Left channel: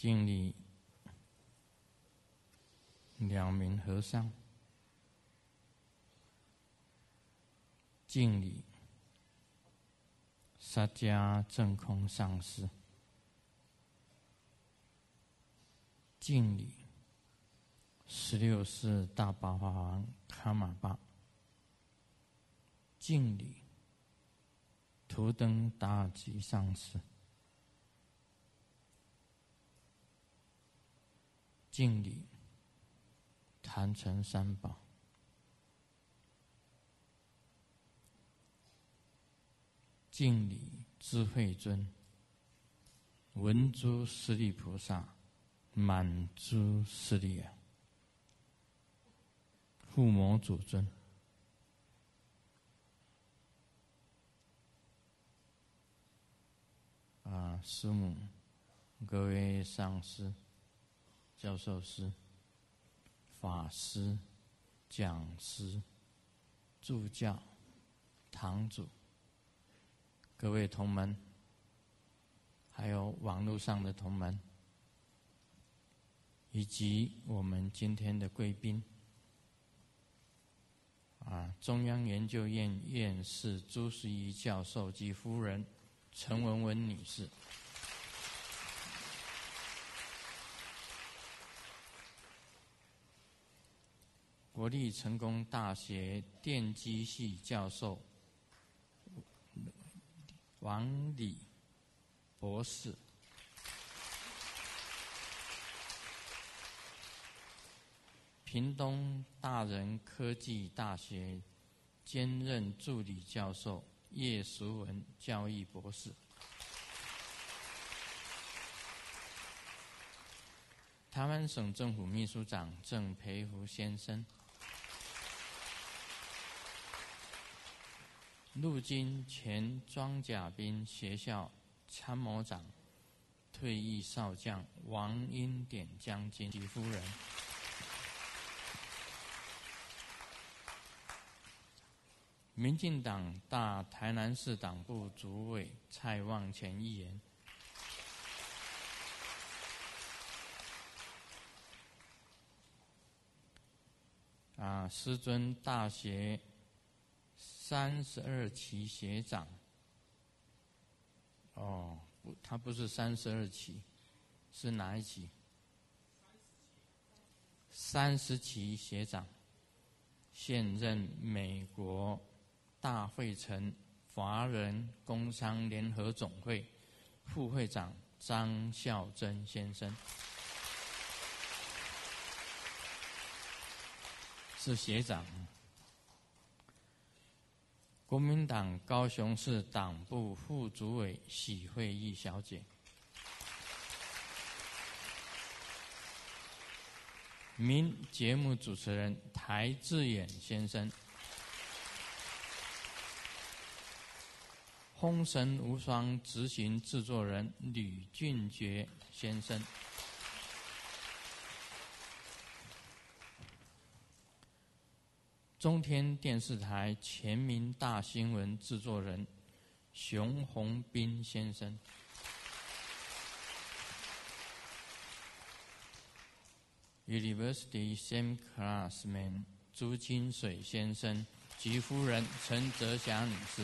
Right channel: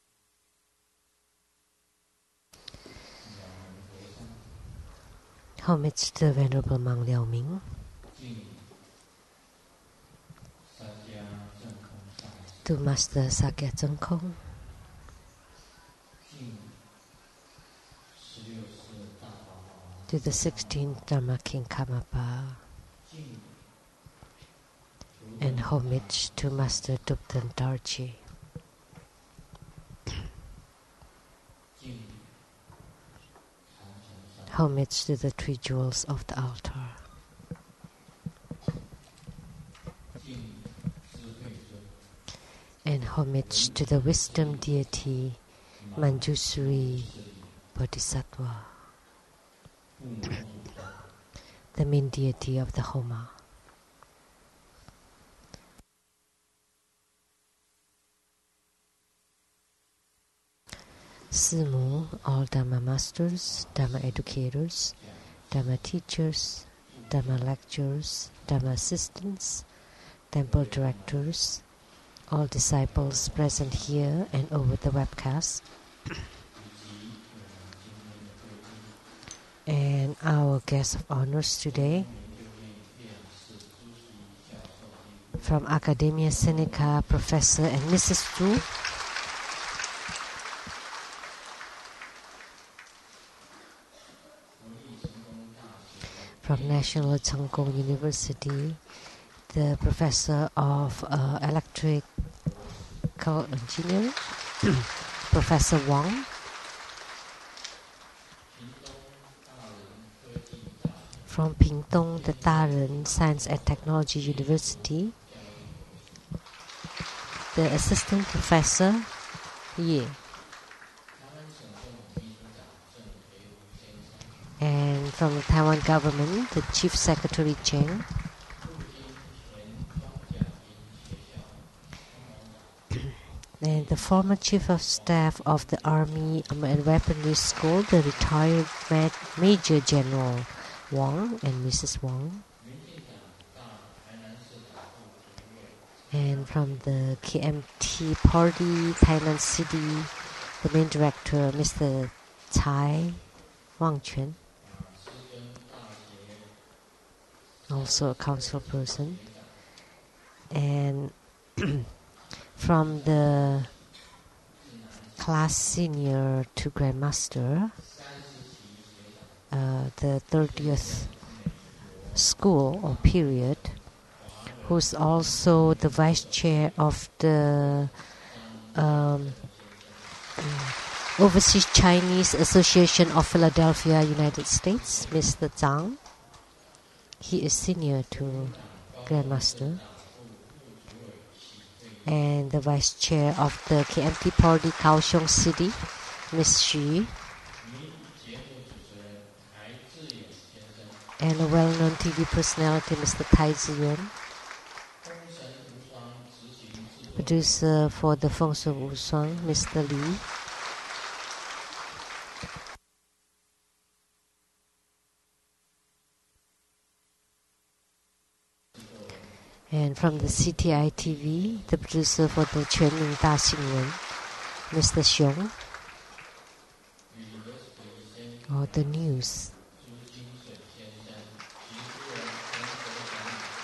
敬礼了明和尚， Homage to the Venerable Monk Liao Ming. 敬礼萨迦正空上师， To Master Sakya Zhengkong. 敬礼16世大宝法王 To the 16th Dharma King Karmapa. 敬礼图 And 登大 homage 师 to 上 Master 师， Dupten Darji. 敬礼坛城山， Homage to the three jewels of the altar. 敬礼智慧尊， And homage to the wisdom deity 满珠 Manjusri 势力， Bodhisattva, 护摩主尊， the main deity of the Homa. 师母，各位上师， Simu, all Dharma masters, Dharma educators, 讲 Dharma 师 teachers, 助 Dharma 教， lecturers, Dharma assistants, temple 各位同门， directors, all disciples 还有网络 present 上的 here 同门， and over the webcast, 以及我们今天的贵宾， and our guests of honors 中央 today 研究院院士朱世仪教授及夫人， from Academia Sinica, Professor and Mrs. Zhu, 国立成功大学 from 电机 National 系教 Chengkong 授 University, the Professor of Electrical 博士， Engineering, Professor Wang, 屏东大人科技大学 from Pingtung, the Daren Science and Technology University, 教育博士， the Assistant Professor Ye, 台湾省政府秘书长郑培福先生， and from the Taiwan government, the Chief Secretary Cheng, 陆军前装甲兵学校参谋长， and the former Chief of Staff of the Army and Weaponry School, the retired Major General Wang and Mrs. Wang, 民进党大台南市党部主委蔡 and 旺 from 全 the KMT Party, Tainan City, the main director, Mr. Cai Wangquan, 师尊大学 also a 32 council 期 person, 学长， and 他不是 from 32 the 期，是哪一期？ class senior to grandmaster, 30期学长， the 现任 30th 美国 school 大 or 会 period, 城华人 who's 工 also 商 the 联 vice 总会 chair of 副会 the 长张孝正先生， Overseas Chinese Association of Philadelphia, United 是 States, 学长。 Mr. Zhang. He is senior 国 to 民党高雄市 grandmaster 党部副主委许慧怡小 and 姐， the vice chair of the KMT Party, Kaohsiung City, Ms. Xu, 名节目主持人台志远先生， and a well-known TV personality, Mr. Tai Ziyuan, 风神无双执行制作人 producer for the 李 Feng 俊 Song 杰 Wu Song, 先生， Mr. Li, 中天电视台全民大新闻制作人 and from the CTI TV, the producer for the Quanmin Da Xinwen, Mr. Xiong, University Same or the Classman news, 朱金水先生及夫人陈泽霞女士，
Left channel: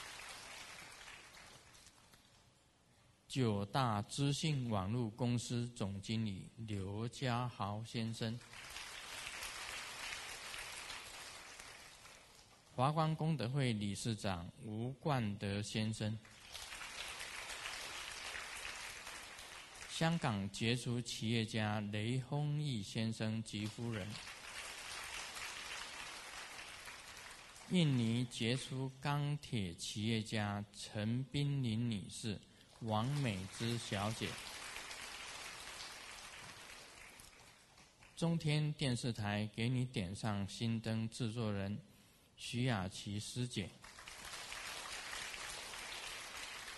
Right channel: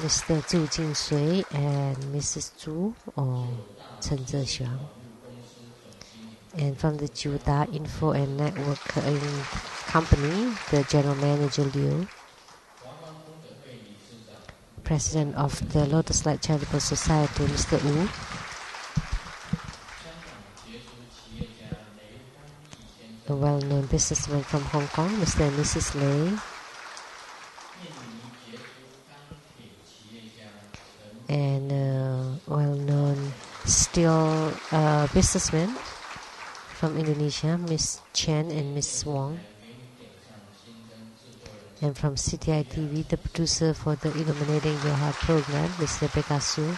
Mr. Zhu Jinsui and Mrs. Zhu, 九 or 大 陈 资 泽 讯 霞 网络公司总经理 and from the 刘家 Juda 豪 Info 先 and 生， Network Company, the general manager Liu, 华光功德会理事长吴 president 冠 of 德 the 先 Lotus 生， Light Charitable Society, Mr. Wu, 香港杰出企业家雷锋义先生 a 及 well-known 夫人， businessman from Hong Kong, Mr. and Mrs. Lei, 印尼杰出钢铁企业家陈碧 and 玲女士， well-known 美芝小姐， steel businessman from Indonesia, Miss 中 Chen 天 and 电 Miss 视 Wong, 台给你点上新灯制作人 and from CTI 徐雅 TV, 琪 the 师姐， producer for the Illuminating Your Heart program, Mr. Rebecca Su,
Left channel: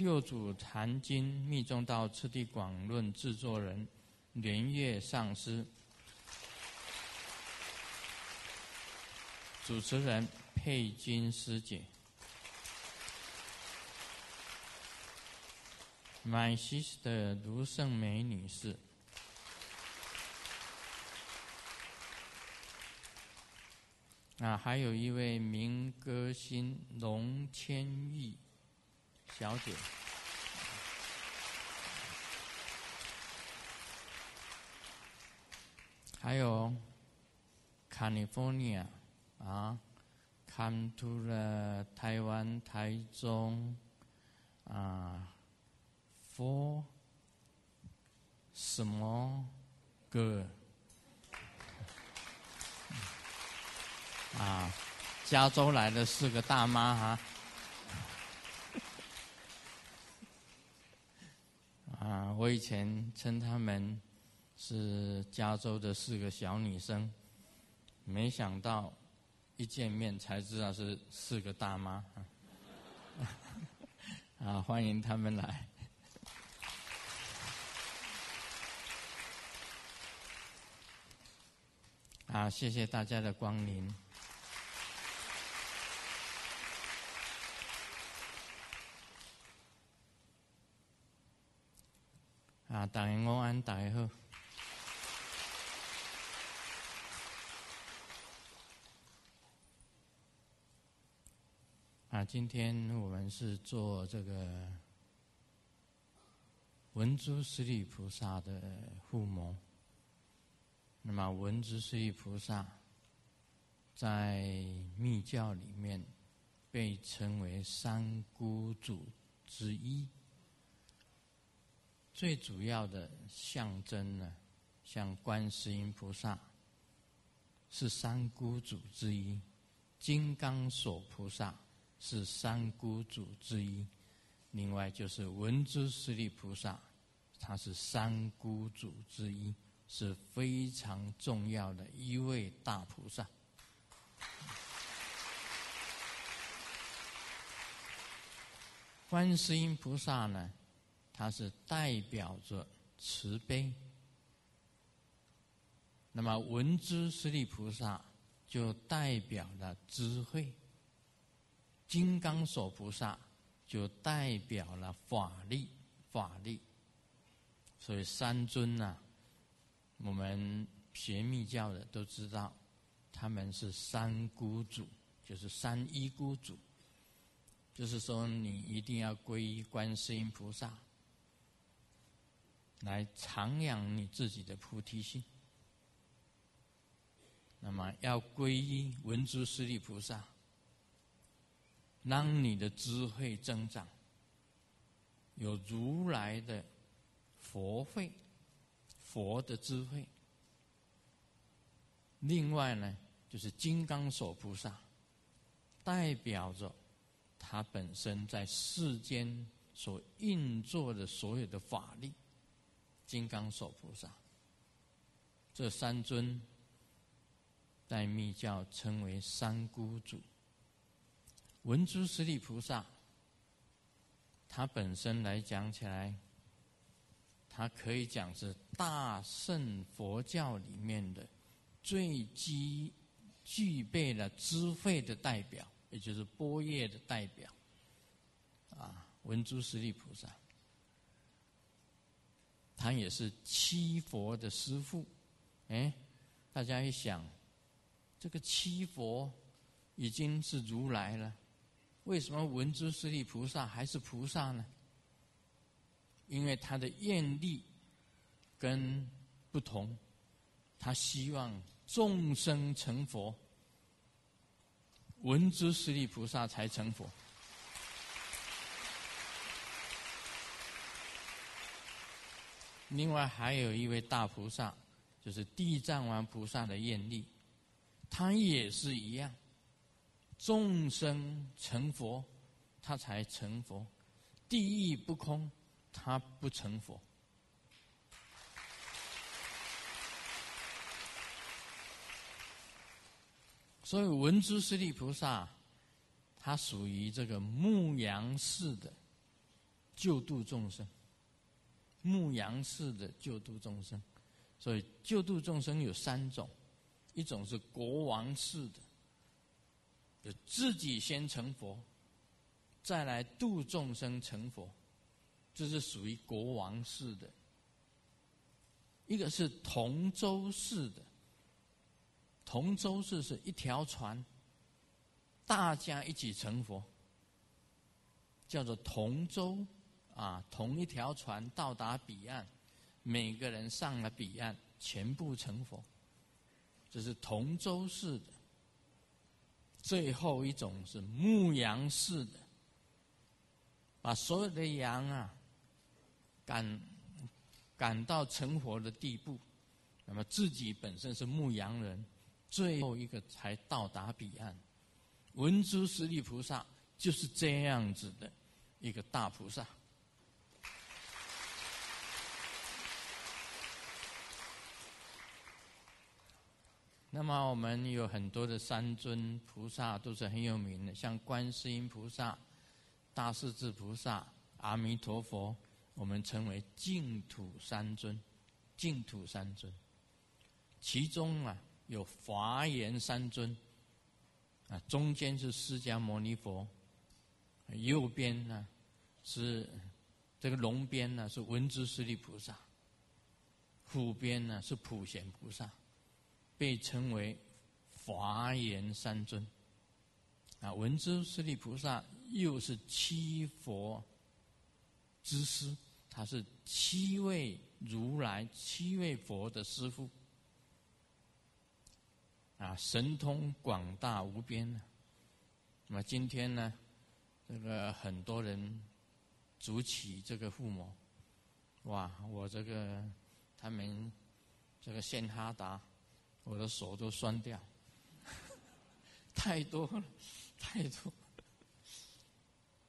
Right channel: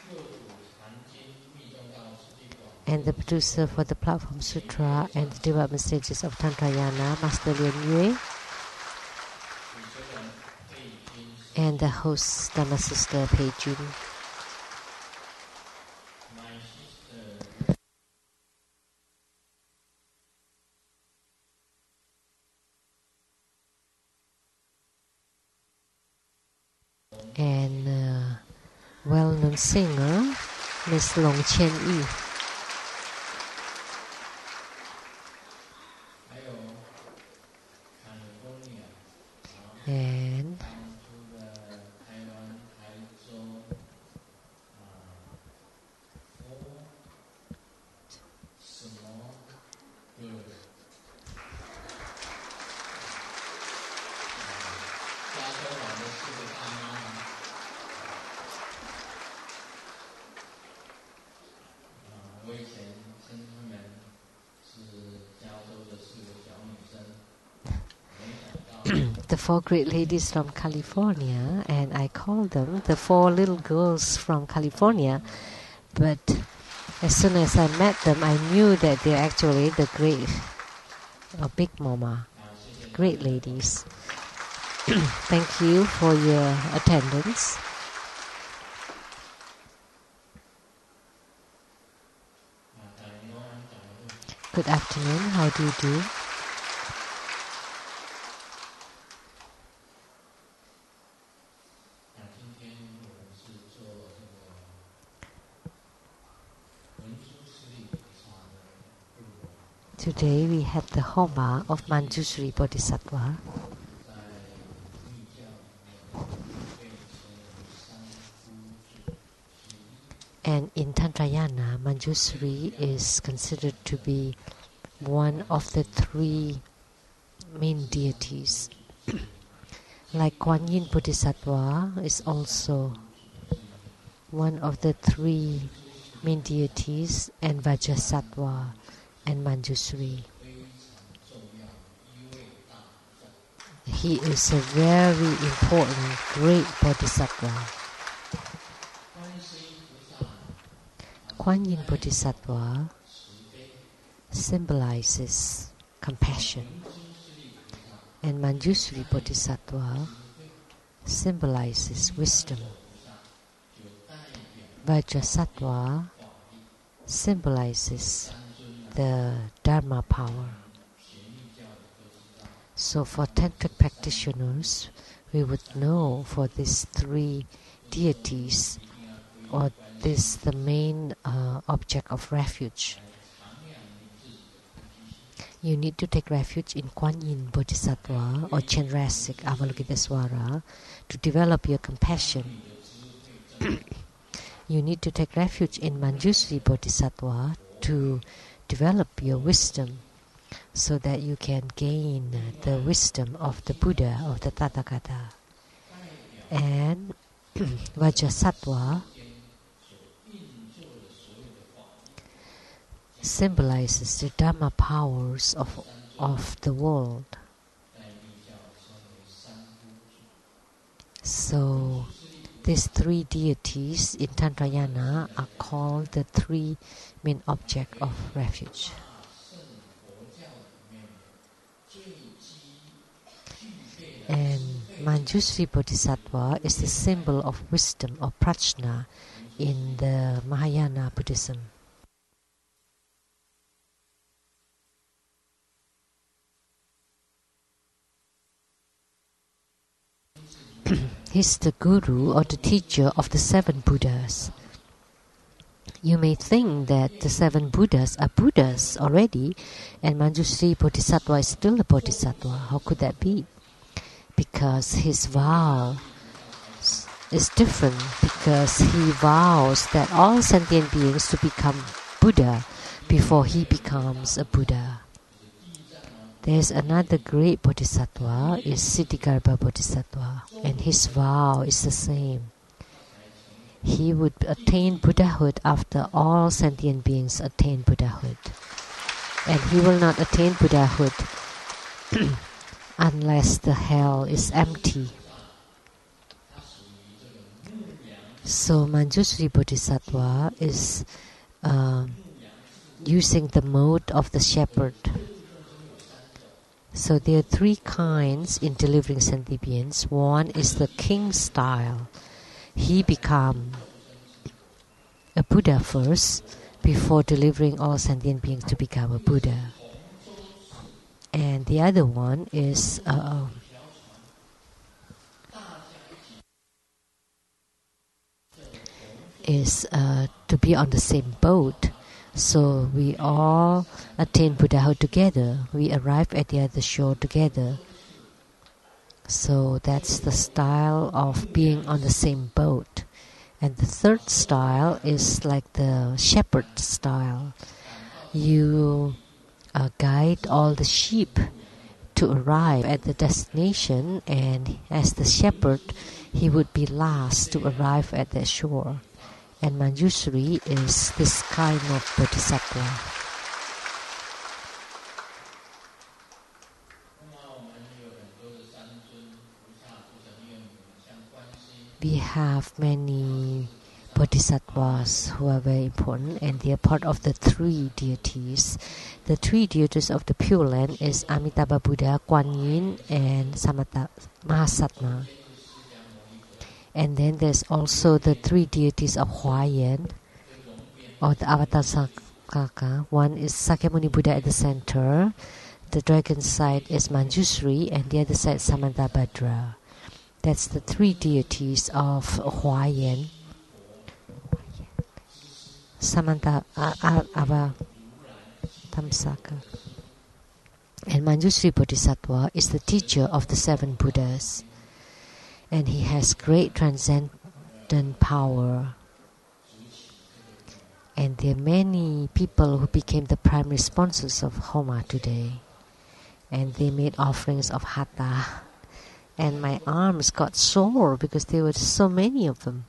六祖坛经密宗道次第广 and 论 the 制作 producer 人 for the Platform 莲 Sutra 月上 and the 师， development stages of Tantrayana, Master Lian Yue, 主持人佩君师 and 姐， the host, Dhamma Sister Pei Jun. My sister 卢胜美女士。还有一位民歌星龙千亿。And well-known singer, Miss Long Qian-yi. 还有 California And come to the 台湾台中for 什么歌？加州来的4个大妈我以前称她们是加州的4个小女生，没想到 the 4 great ladies from California, and I call them the 4 little girls from California. But as soon as I met them, I knew that they're actually the great big mama, great ladies. Thank you for your attendance. Good afternoon. How do you do? 今天我们是做这个文殊师利菩萨的护摩。Today we had the Homa of Manjushri Bodhisattva. 在密教里面被称为三姑祖之一。And in Tantrayana, Manjushri is considered to be one of the 3 main deities. Like Guan Yin Bodhisattva is also one of the 3 main deities, and Vajrasattva and Manjushri. He is a very important, great bodhisattva. Guan Yin Bodhisattva symbolizes compassion, and Manjushri Bodhisattva symbolizes wisdom. Vajrasattva symbolizes the Dharma power. So for tantric practitioners, we would know for these 3 deities, or this the main object of refuge. You need to take refuge in Guan Yin Bodhisattva or Chandrasik Avalokitesvara to develop your compassion. You need to take refuge in Manjushri Bodhisattva to develop your wisdom, so that you can gain the wisdom of the Buddha, of the Tathagata. And Vajrasattva symbolizes the Dharma powers of the world. So these 3 deities in Tantrayana are called the 3 main objects of refuge. And Manjushri Bodhisattva is the symbol of wisdom, or prajna, in the Mahayana Buddhism. He's the guru or the teacher of the 7 Buddhas. You may think that the 7 Buddhas are Buddhas already, and Manjushri Bodhisattva is still a Bodhisattva. How could that be? Because his vow is different, because he vows that all sentient beings to become Buddha before he becomes a Buddha. There is another great Bodhisattva, is Siddhigarbha Bodhisattva, and his vow is the same. He would attain Buddhahood after all sentient beings attain Buddhahood. And he will not attain Buddhahood unless the hell is empty. So Manjushri Bodhisattva is using the mode of the shepherd. So there are 3 kinds in delivering sentient beings. One is the king style. He becomes a a Buddha first before delivering all sentient beings to become a Buddha. And the other one is to be on the same boat. So we all attain Buddhahood together. We arrive at the other shore together. So that's the style of being on the same boat. And the third style is like the shepherd style. You guide all the sheep to arrive at the destination, and as the shepherd, he would be last to arrive at the shore. And Manjushri is this kind of bodhisattva. We have many bodhisattvas who are very important, and they are part of the three deities. The three deities of the Pure Land is Amitabha Buddha, Kuan Yin, and Mahasattva. And then there's also the three deities of Hua-Yan, or the Avatar Sakaka. One is Sakyamuni Buddha at the center. The dragon side is Manjushri, and the other side Samantabhadra. That's the three deities of Hua-Yan. And Manjushri Bodhisattva is the teacher of the seven Buddhas. And he has great transcendent power. And there are many people who became the primary sponsors of Homa today. And they made offerings of hatha. And my arms got sore because there were so many of them.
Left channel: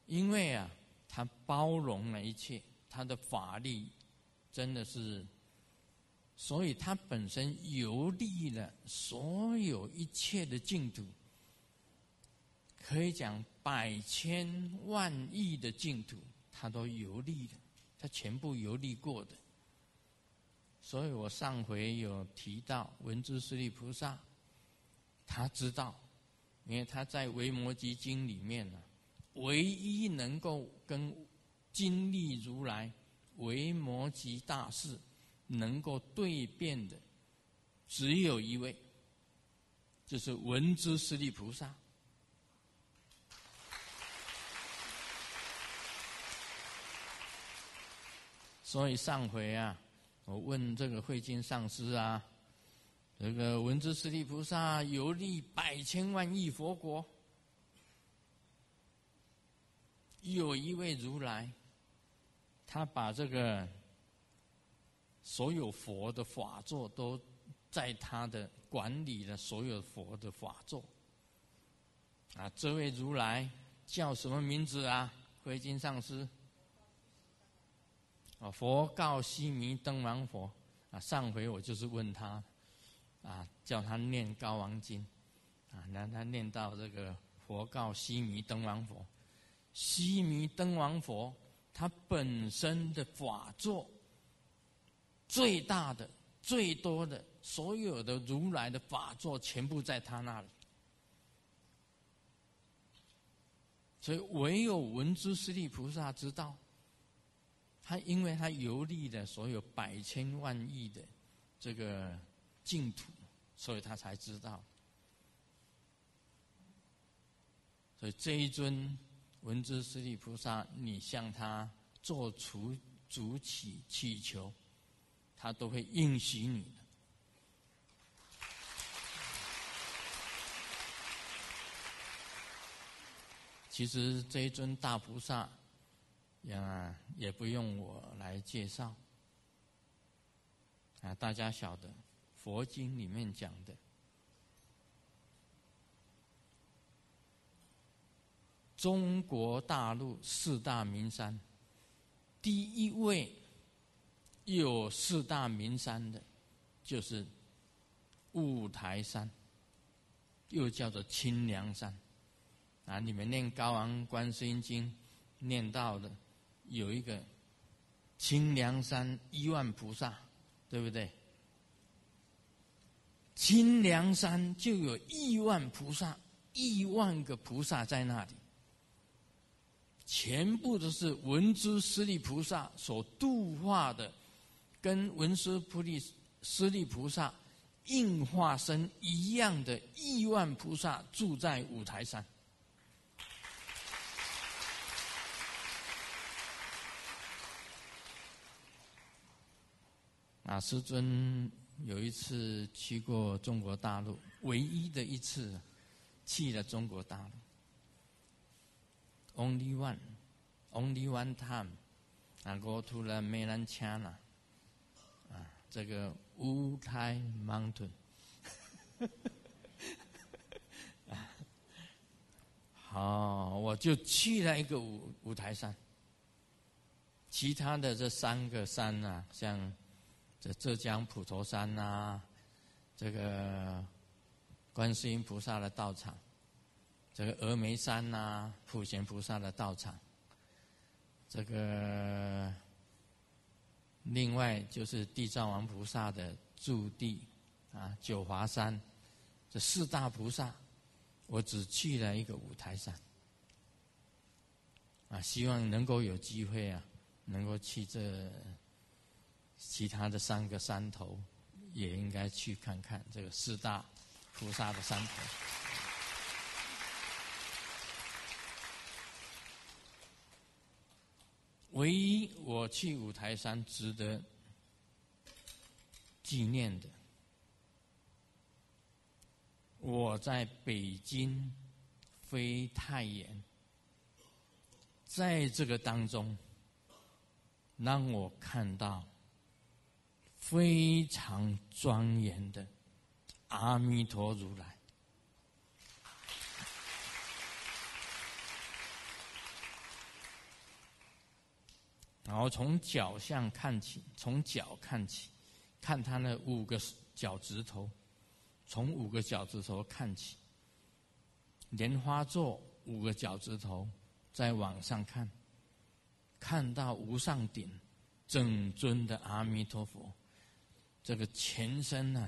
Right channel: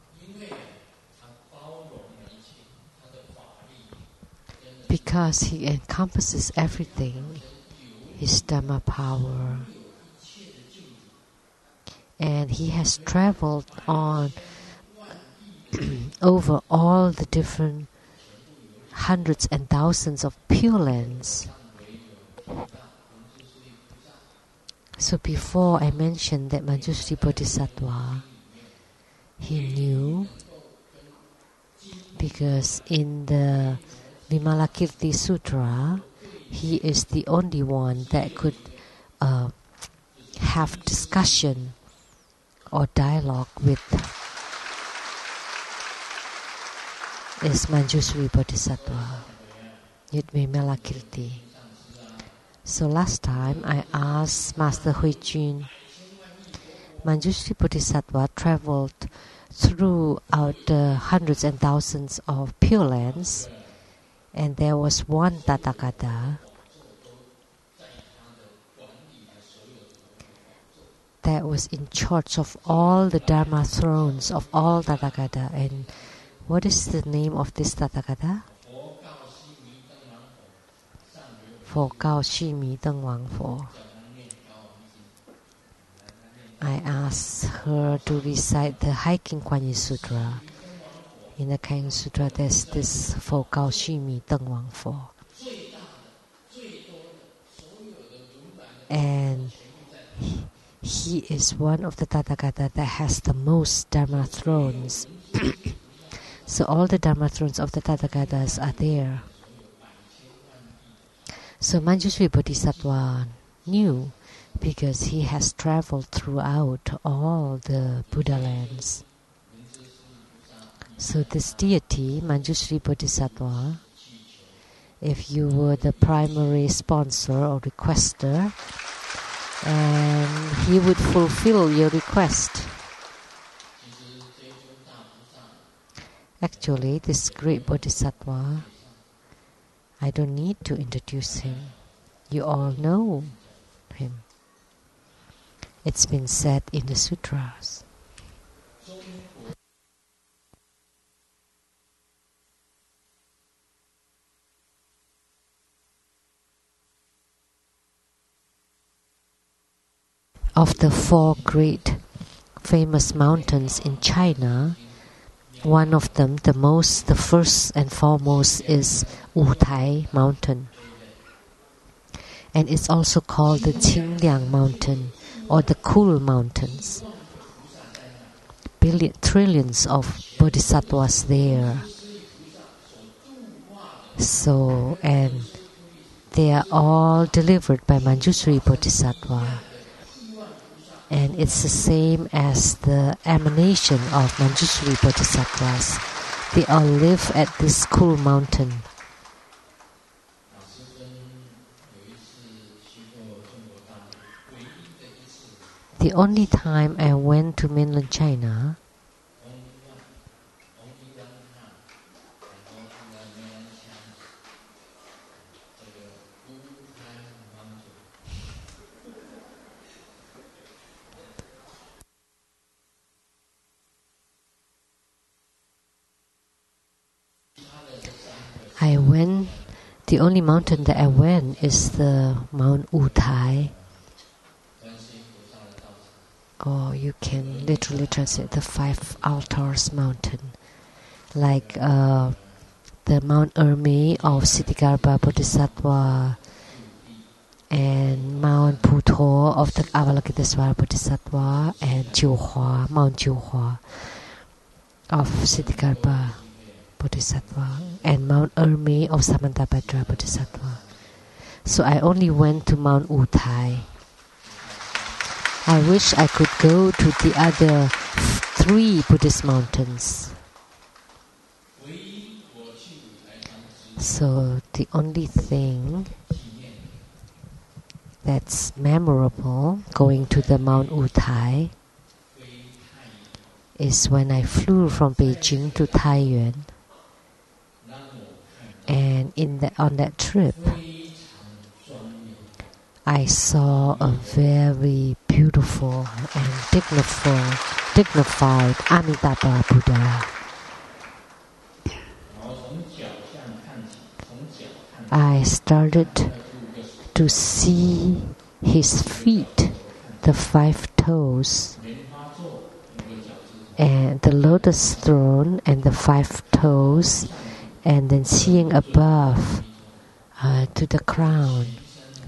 Because he encompasses everything, his Dhamma power. And he has traveled on over all the different hundreds and thousands of Pure Lands. So before I mentioned that Manjushri Bodhisattva, he knew, because in the Vimalakirti Sutra, he is the only one that could have discussion or dialogue with is Manjushri Bodhisattva, Vimalakirti. So last time I asked Master Huijun, Manjushri Bodhisattva traveled throughout the hundreds and thousands of Pure Lands, and there was one Tathagata that was in charge of all the Dharma thrones of all Tathagata. And what is the name of this Tathagata? I asked her to recite the Hiking Kuan Sutra. In the Hiking Sutra, there's this for Gao Xi Mi Deng Wang Fo. And he is one of the Tathagata that has the most Dharma thrones. So all the Dharma thrones of the Tathagatas are there. So Manjushri Bodhisattva knew, because he has traveled throughout all the Buddha lands. So this deity, Manjushri Bodhisattva, if you were the primary sponsor or requester, and he would fulfill your request. Actually, this great Bodhisattva, I don't need to introduce him. You all know him. It's been said in the sutras. 中国大陆四大名山，第一位有四大名山的，就是雾台山。Of the four great famous mountains in China, one of them, the first and foremost, is Wutai Mountain. And it's also called the Qingliang Mountain or the Cool Mountains, trillions of bodhisattvas there. So, and they are all delivered by Manjusri Bodhisattva. And it's the same as the emanation of Manjusri Bodhisattvas. They all live at this cool mountain. The only time I went to mainland China, only one time I go to the mainland China, 这个乌台 mountain. 好，我就去了一个五台山，其他的这三个山 I went. The only mountain that I went is the Mount Utai. 观世音菩萨的道场。 Or you can literally translate the 5 altars mountain, like the Mount Ermi of Siddhigarbha Bodhisattva and Mount Puto of the Avalokitesvara Bodhisattva and Jiuhua, Mount Jiuhua of Siddhigarbha Bodhisattva and Mount Ermi of Samantabhadra Bodhisattva. So I only went to Mount Utai. I wish I could go to the other 3 Buddhist mountains. So the only thing that's memorable going to the Mount Utai is when I flew from Beijing to Taiyuan. And on that trip, I saw a very beautiful and dignified Amitabha Buddha. I started to see his feet, the 5 toes, and the lotus throne and the 5 toes, and then seeing above to the crown,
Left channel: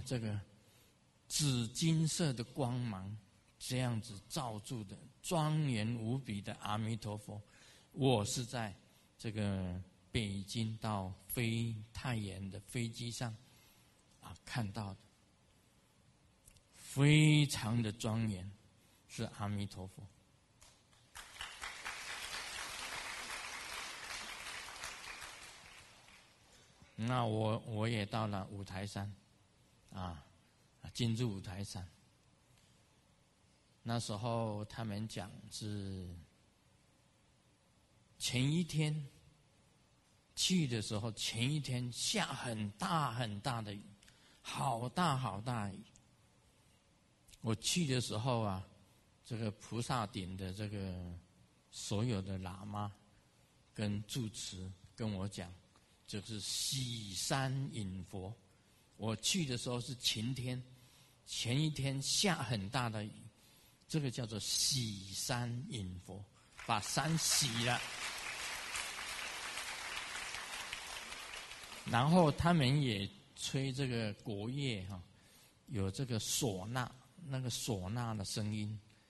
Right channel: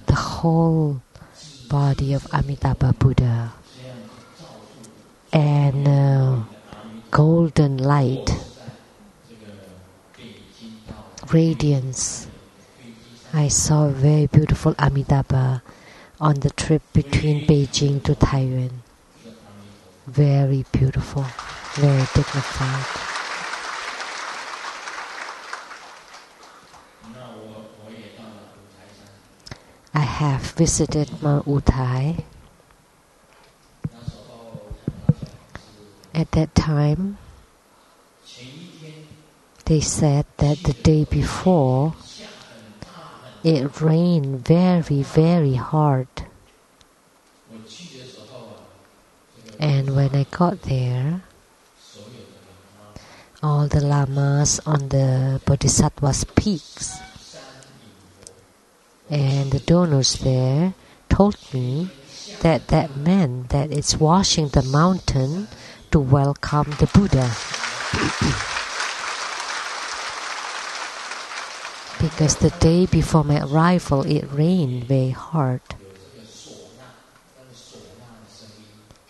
the whole body of Amitabha Buddha, and golden light, radiance. I saw a very beautiful Amitabha on the trip between Beijing to Taiyuan. Very beautiful, very dignified. I have visited Mount Utai. At that time, they said that the day before, it rained very, very hard. And when I got there, all the lamas on the Bodhisattva's peaks and the donors there told me that that meant that it's washing the mountain to welcome the Buddha. Because the day before my arrival, it rained very hard.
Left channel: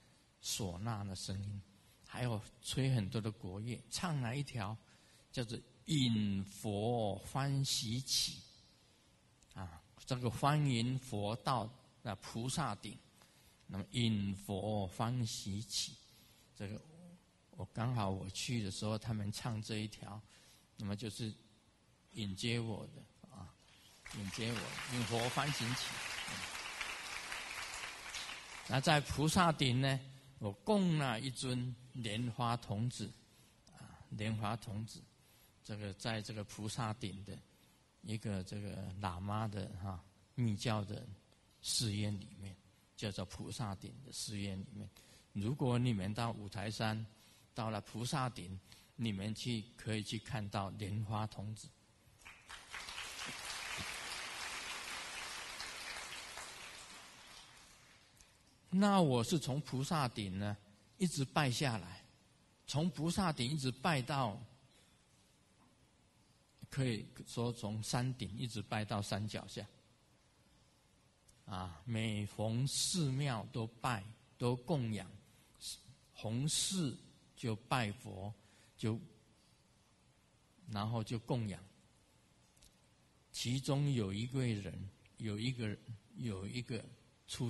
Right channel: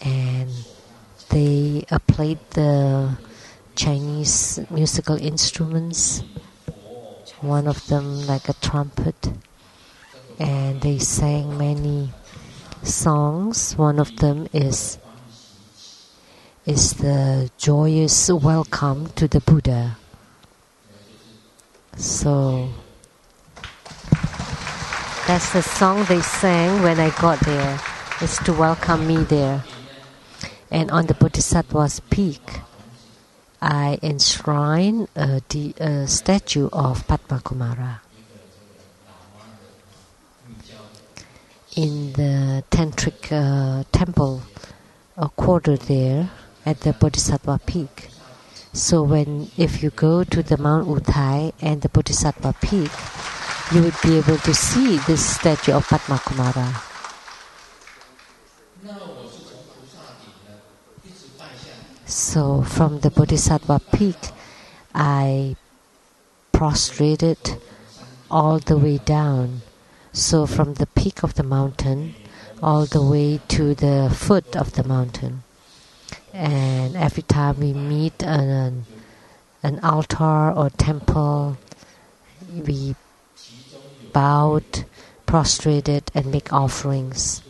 And they played the Chinese musical instruments, one of them like a trumpet. And they sang many songs. One of them is the joyous welcome to the Buddha. So that's the song they sang when I got there. It's to welcome me there. And on the Bodhisattva's peak, I enshrined a statue of Padma Kumara. In the tantric temple quarter there at the Bodhisattva peak. So if you go to the Mount Utai and the Bodhisattva peak, you would be able to see this statue of Padma Kumara. So from the Bodhisattva peak, I prostrated all the way down. So from the peak of the mountain all the way to the foot of the mountain. And every time we meet an altar or temple, we bowed, prostrated, and make offerings.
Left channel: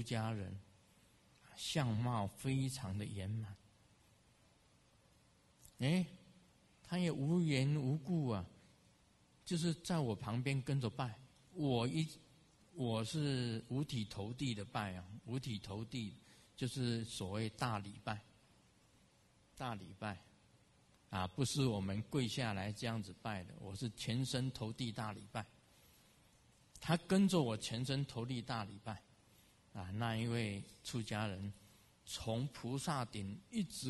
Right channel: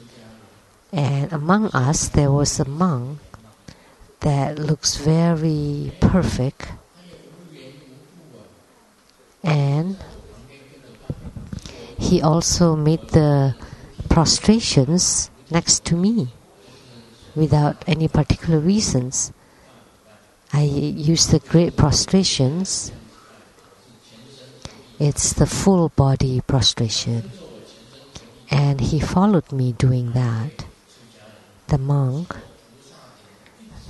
And among us, there was a monk that looks very perfect. And he also made the prostrations next to me without any particular reasons. I used the great prostrations. It's the full body prostration. And he followed me doing that. The monk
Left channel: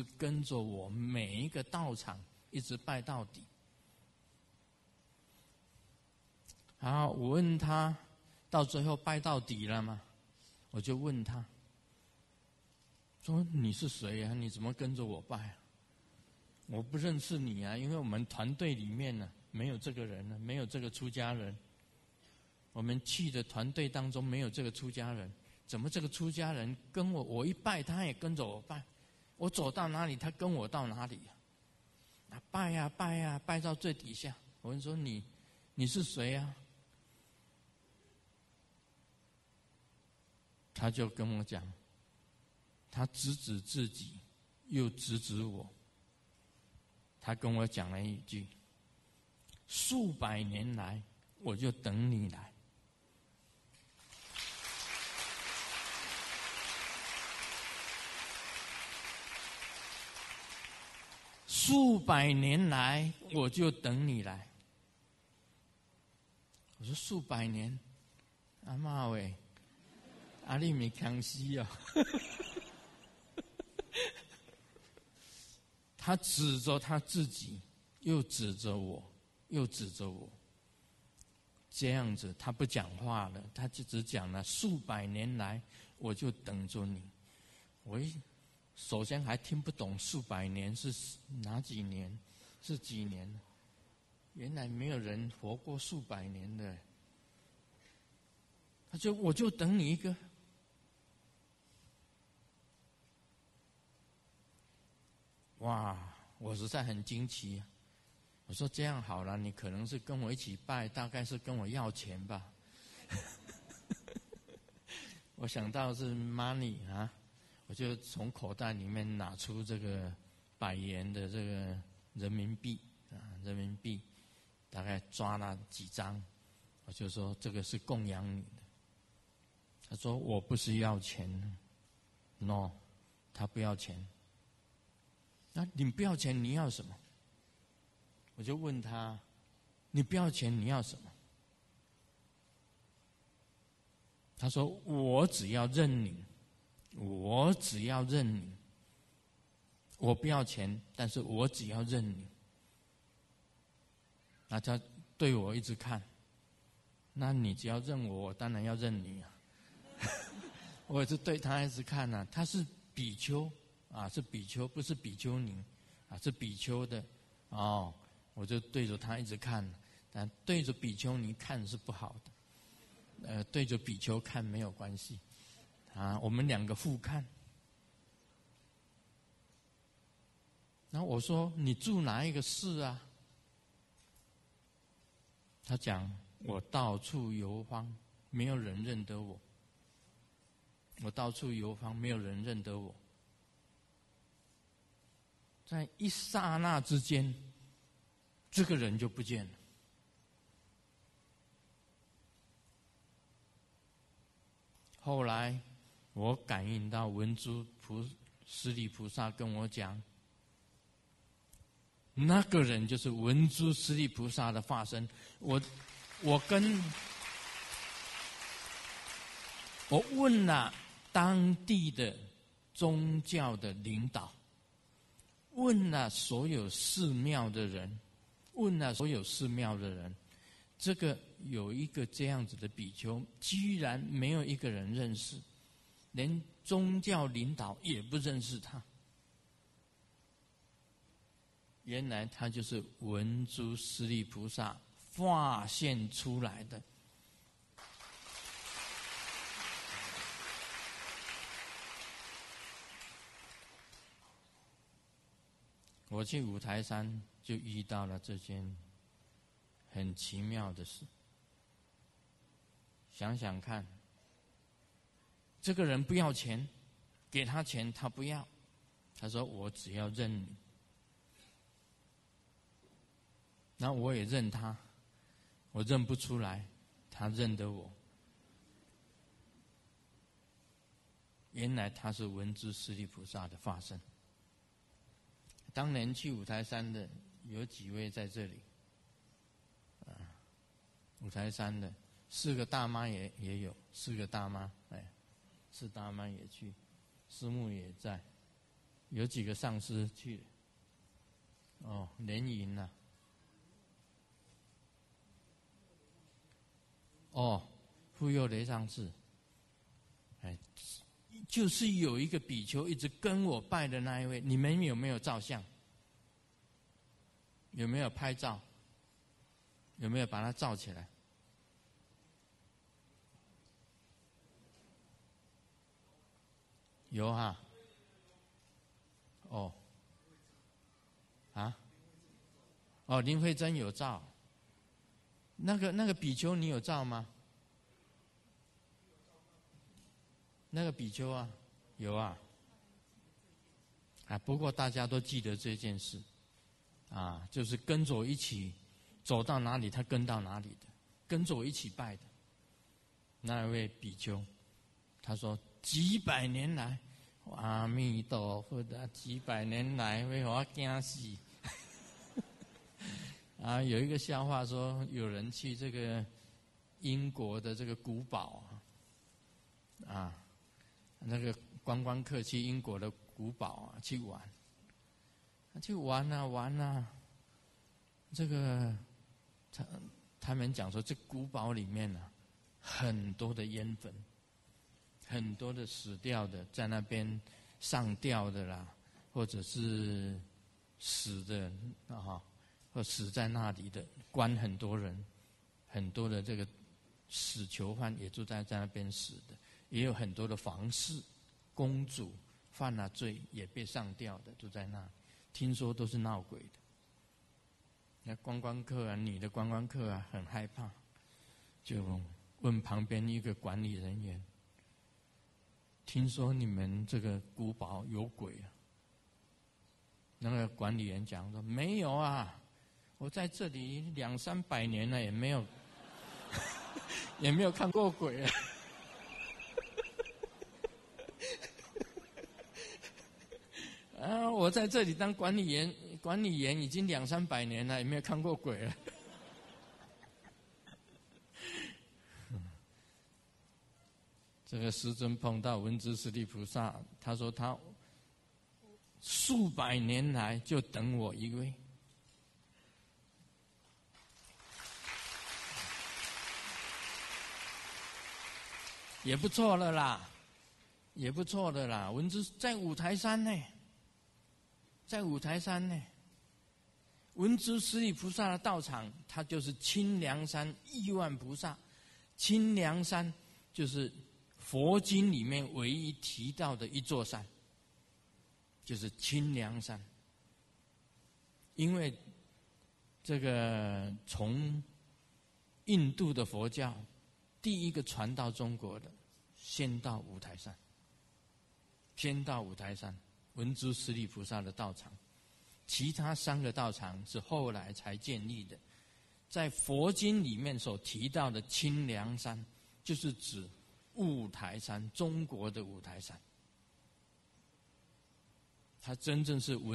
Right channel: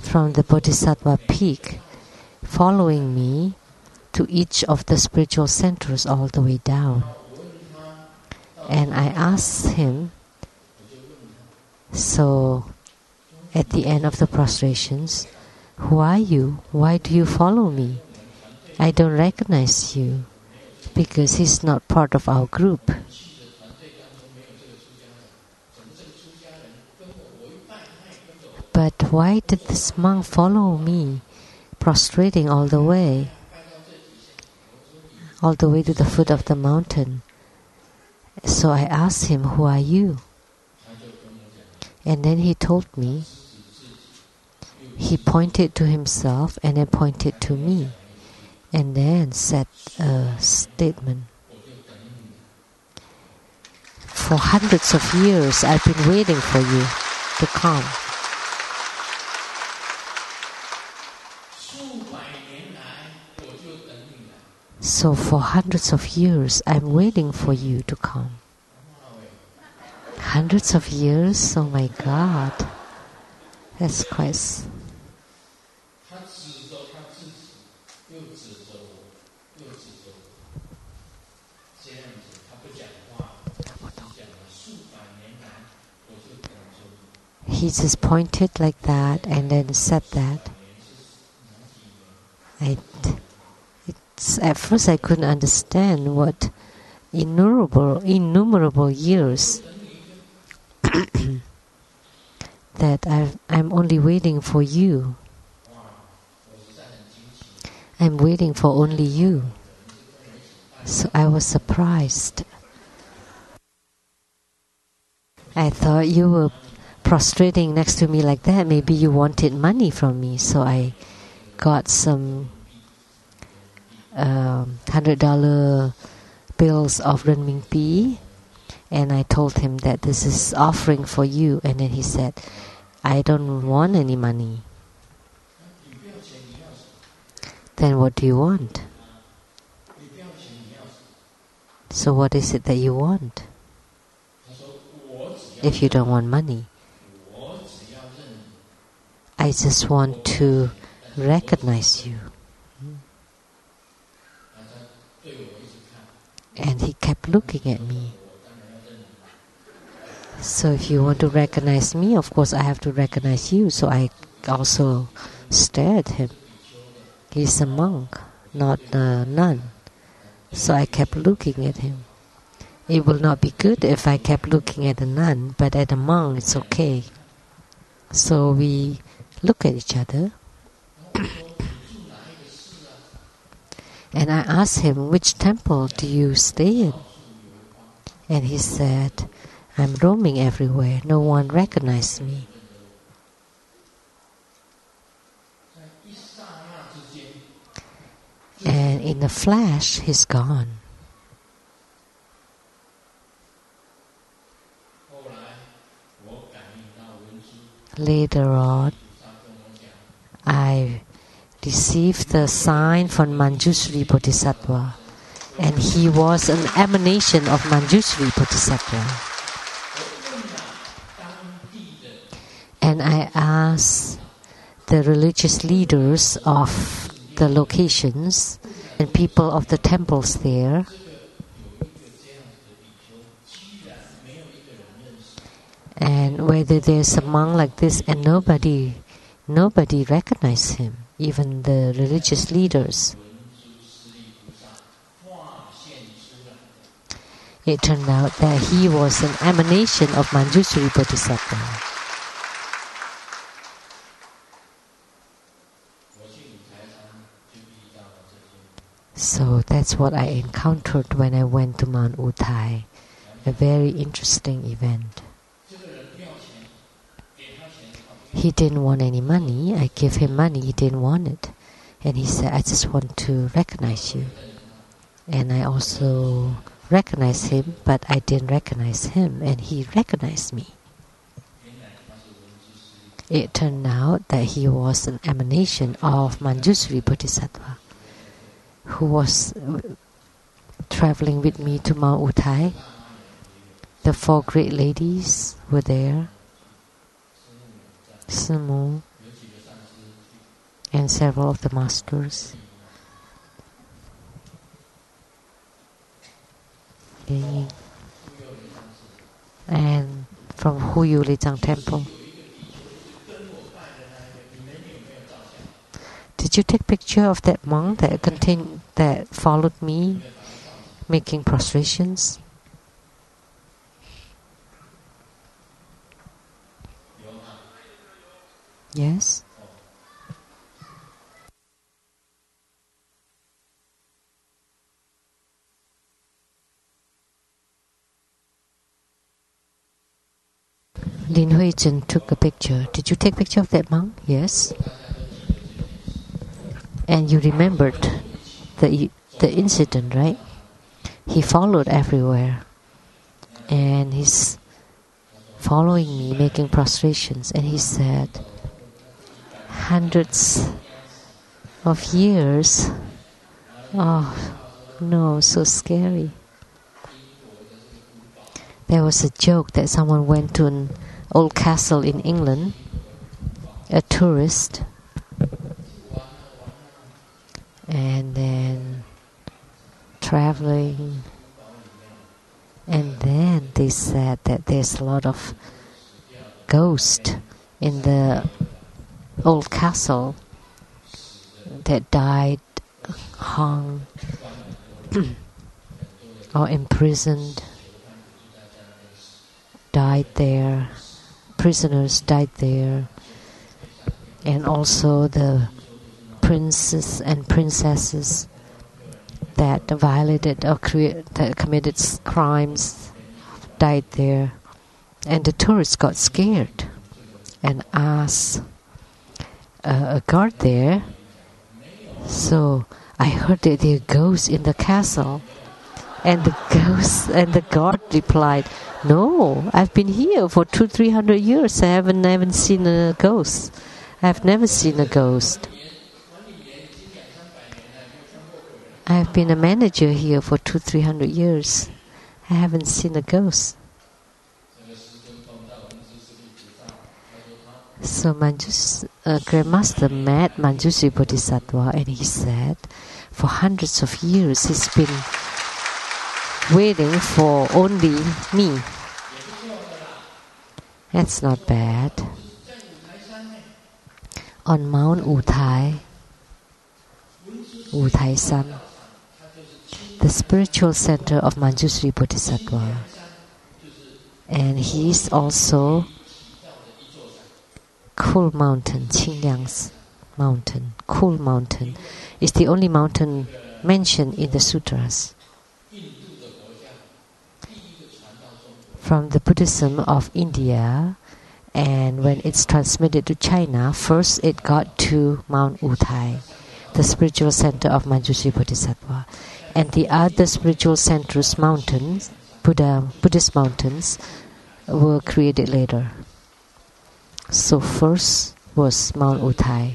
from the Bodhisattva peak, following me to each of the spiritual centers all the way down. And I asked him, so at the end of the prostrations, who are you? Why do you follow me? I don't recognize you because he's not part of our group. But why did this monk follow me, prostrating all the way to the foot of the mountain? So I asked him, who are you? And then he told me, he pointed to himself and then pointed to me, and then said a statement. For hundreds of years, I've been waiting for you to come. So for hundreds of years, I'm waiting for you to come. Hundreds of years? Oh my God. That's quite... He just pointed like that and then said that. At first I couldn't understand what innumerable years that I'm only waiting for you. I'm waiting for only you. So I was surprised. I thought you were prostrating next to me like that. Maybe you wanted money from me. So I got some $100 bills of renminbi, and I told him that this is offering for you. And then he said, I don't want any money. Then what do you want? So what is it that you want? If you don't want money, I just want to recognize you. And he kept looking at me. So if you want to recognize me, of course I have to recognize you. So I also stared at him. He's a monk, not a nun. So I kept looking at him. It will not be good if I kept looking at a nun, but at a monk it's okay. So we look at each other. And I asked him, which temple do you stay in? And he said, I'm roaming everywhere. No one recognized me. And in a flash, he's gone. Later on, I received the sign from Manjushri Bodhisattva, and he was an emanation of Manjushri Bodhisattva. And I asked the religious leaders of the locations and people of the temples there, and whether there's a monk like this, and nobody recognized him, even the religious leaders. It turned out that he was an emanation of Manjushri Bodhisattva. So that's what I encountered when I went to Mount Utai. A very interesting event. He didn't want any money. I gave him money. He didn't want it. And he said, I just want to recognize you. And I also recognized him, but I didn't recognize him. And he recognized me. It turned out that he was an emanation of Manjushri Bodhisattva, who was traveling with me to Mount Utai. The 4 great ladies were there, Simu, and several of the masters. And from Huyu Lei Tsang Temple. Did you take picture of that monk that followed me, making prostrations? Yes. 林慧珍有照，那个比丘你有照吗？ Lin Hui-chen took a picture. Did you take a picture of that monk? Yes. And you remembered the incident, right? He followed everywhere. And he's following me, making prostrations. And he said, hundreds of years. Oh, no, so scary. There was a joke that someone went to an old castle in England, a tourist, and then traveling, and then they said that there's a lot of ghosts in the old castle that died, hung, or imprisoned. Died there, prisoners died there, and also the princes and princesses that violated or that committed crimes died there. And the tourists got scared and asked a guard there. So I heard that there are ghosts in the castle, and the guard replied, no, I've been here for 200-300 years. I haven't seen a ghost. I've never seen a ghost. I've been a manager here for 200-300 years. I haven't seen a ghost. So Grandmaster met Manjushri Bodhisattva, and he said, for hundreds of years he's been waiting for only me. That's not bad. On Mount Utai, Utai San, the spiritual center of Manjushri Bodhisattva, and he is also Cool Mountain, Qingliang's mountain. Cool Mountain is the only mountain mentioned in the sutras. From the Buddhism of India, and when it's transmitted to China, first it got to Mount Utai, the spiritual center of Manjushri Bodhisattva, and the other spiritual centers, mountains, Buddhist mountains, were created later. So first was Mount Utai.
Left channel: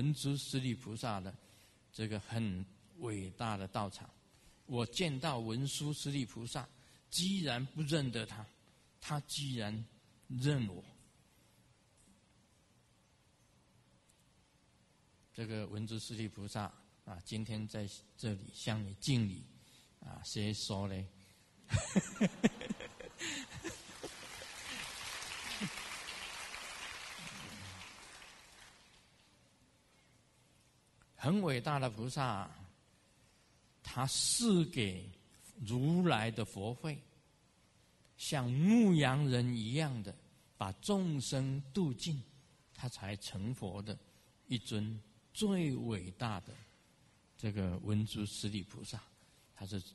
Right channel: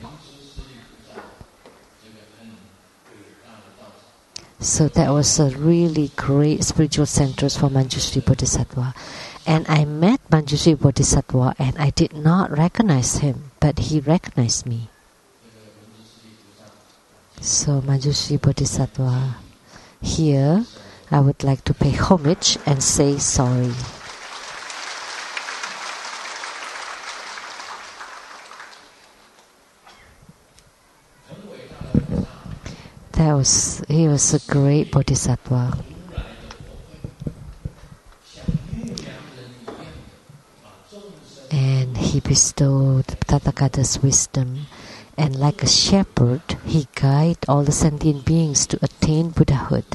So that was a really great spiritual centers for Manjushri Bodhisattva. And I met Manjushri Bodhisattva and I did not recognize him, but he recognized me. So Manjushri Bodhisattva, here I would like to pay homage and say sorry. He was a great bodhisattva. And he bestowed Tathagata's wisdom And like a shepherd, he guides all the sentient beings to attain Buddhahood.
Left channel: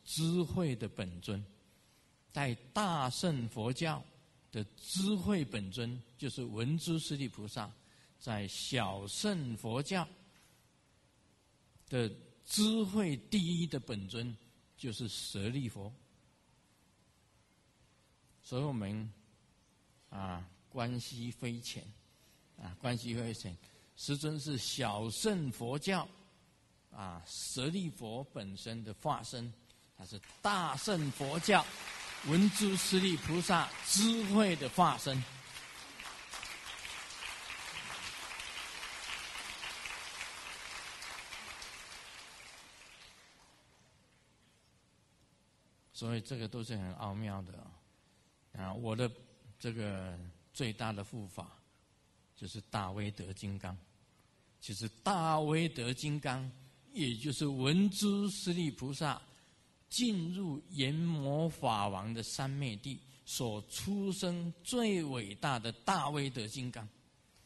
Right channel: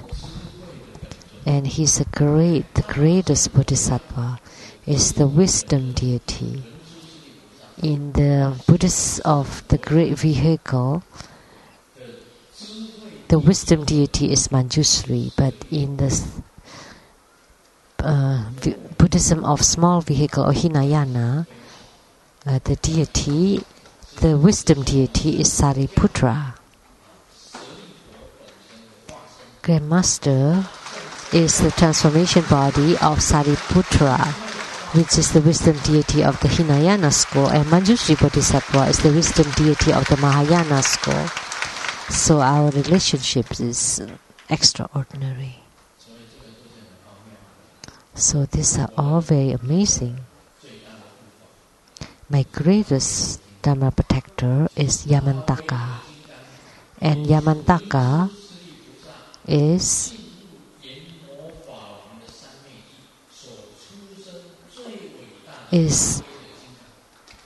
And he's the greatest Bodhisattva, is the wisdom deity. In the Buddhists of the great vehicle, the wisdom deity is Manjushri, but in the Buddhism of small vehicle or Hinayana, the wisdom deity is Sariputra. Grand Master is the transformation body of Sariputra, which is the wisdom deity of the Hinayana school, and Manjushri Bodhisattva is the wisdom deity of the Mahayana school. So our relationship is extraordinary. So these are all very amazing. My greatest Dharma protector is Yamantaka. And Yamantaka is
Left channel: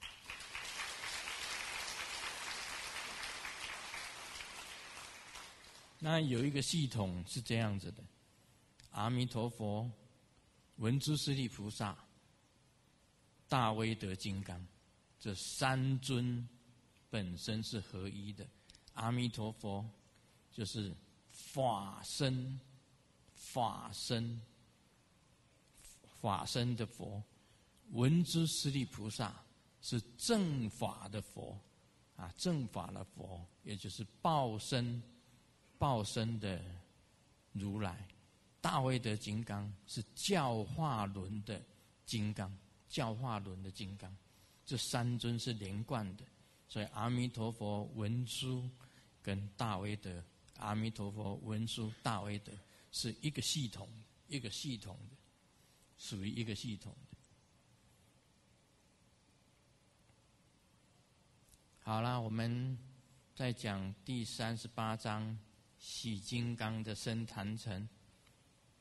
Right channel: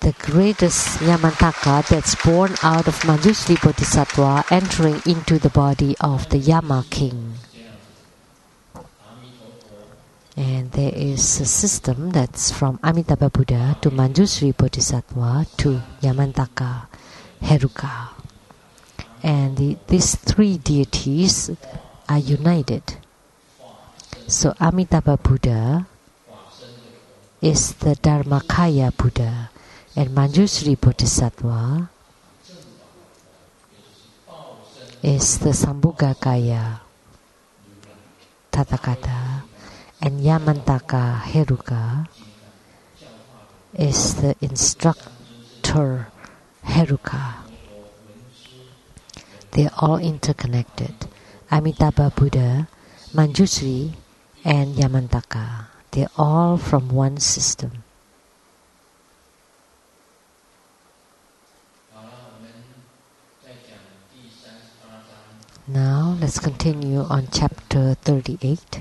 the greatest Yamantaka that's born out of Manjushri Bodhisattva entering into the body of the Yama king. And there is a system that's from Amitabha Buddha to Manjushri Bodhisattva to Yamantaka, Heruka. And these three deities are united. So Amitabha Buddha is the Dharmakaya Buddha, and Manjushri Bodhisattva is the Sambhogakaya Tathagata, and Yamantaka Heruka is the instructor Heruka. They are all interconnected. Amitabha Buddha, Manjushri, and Yamantaka. They are all from one system. Now let's continue on chapter 38,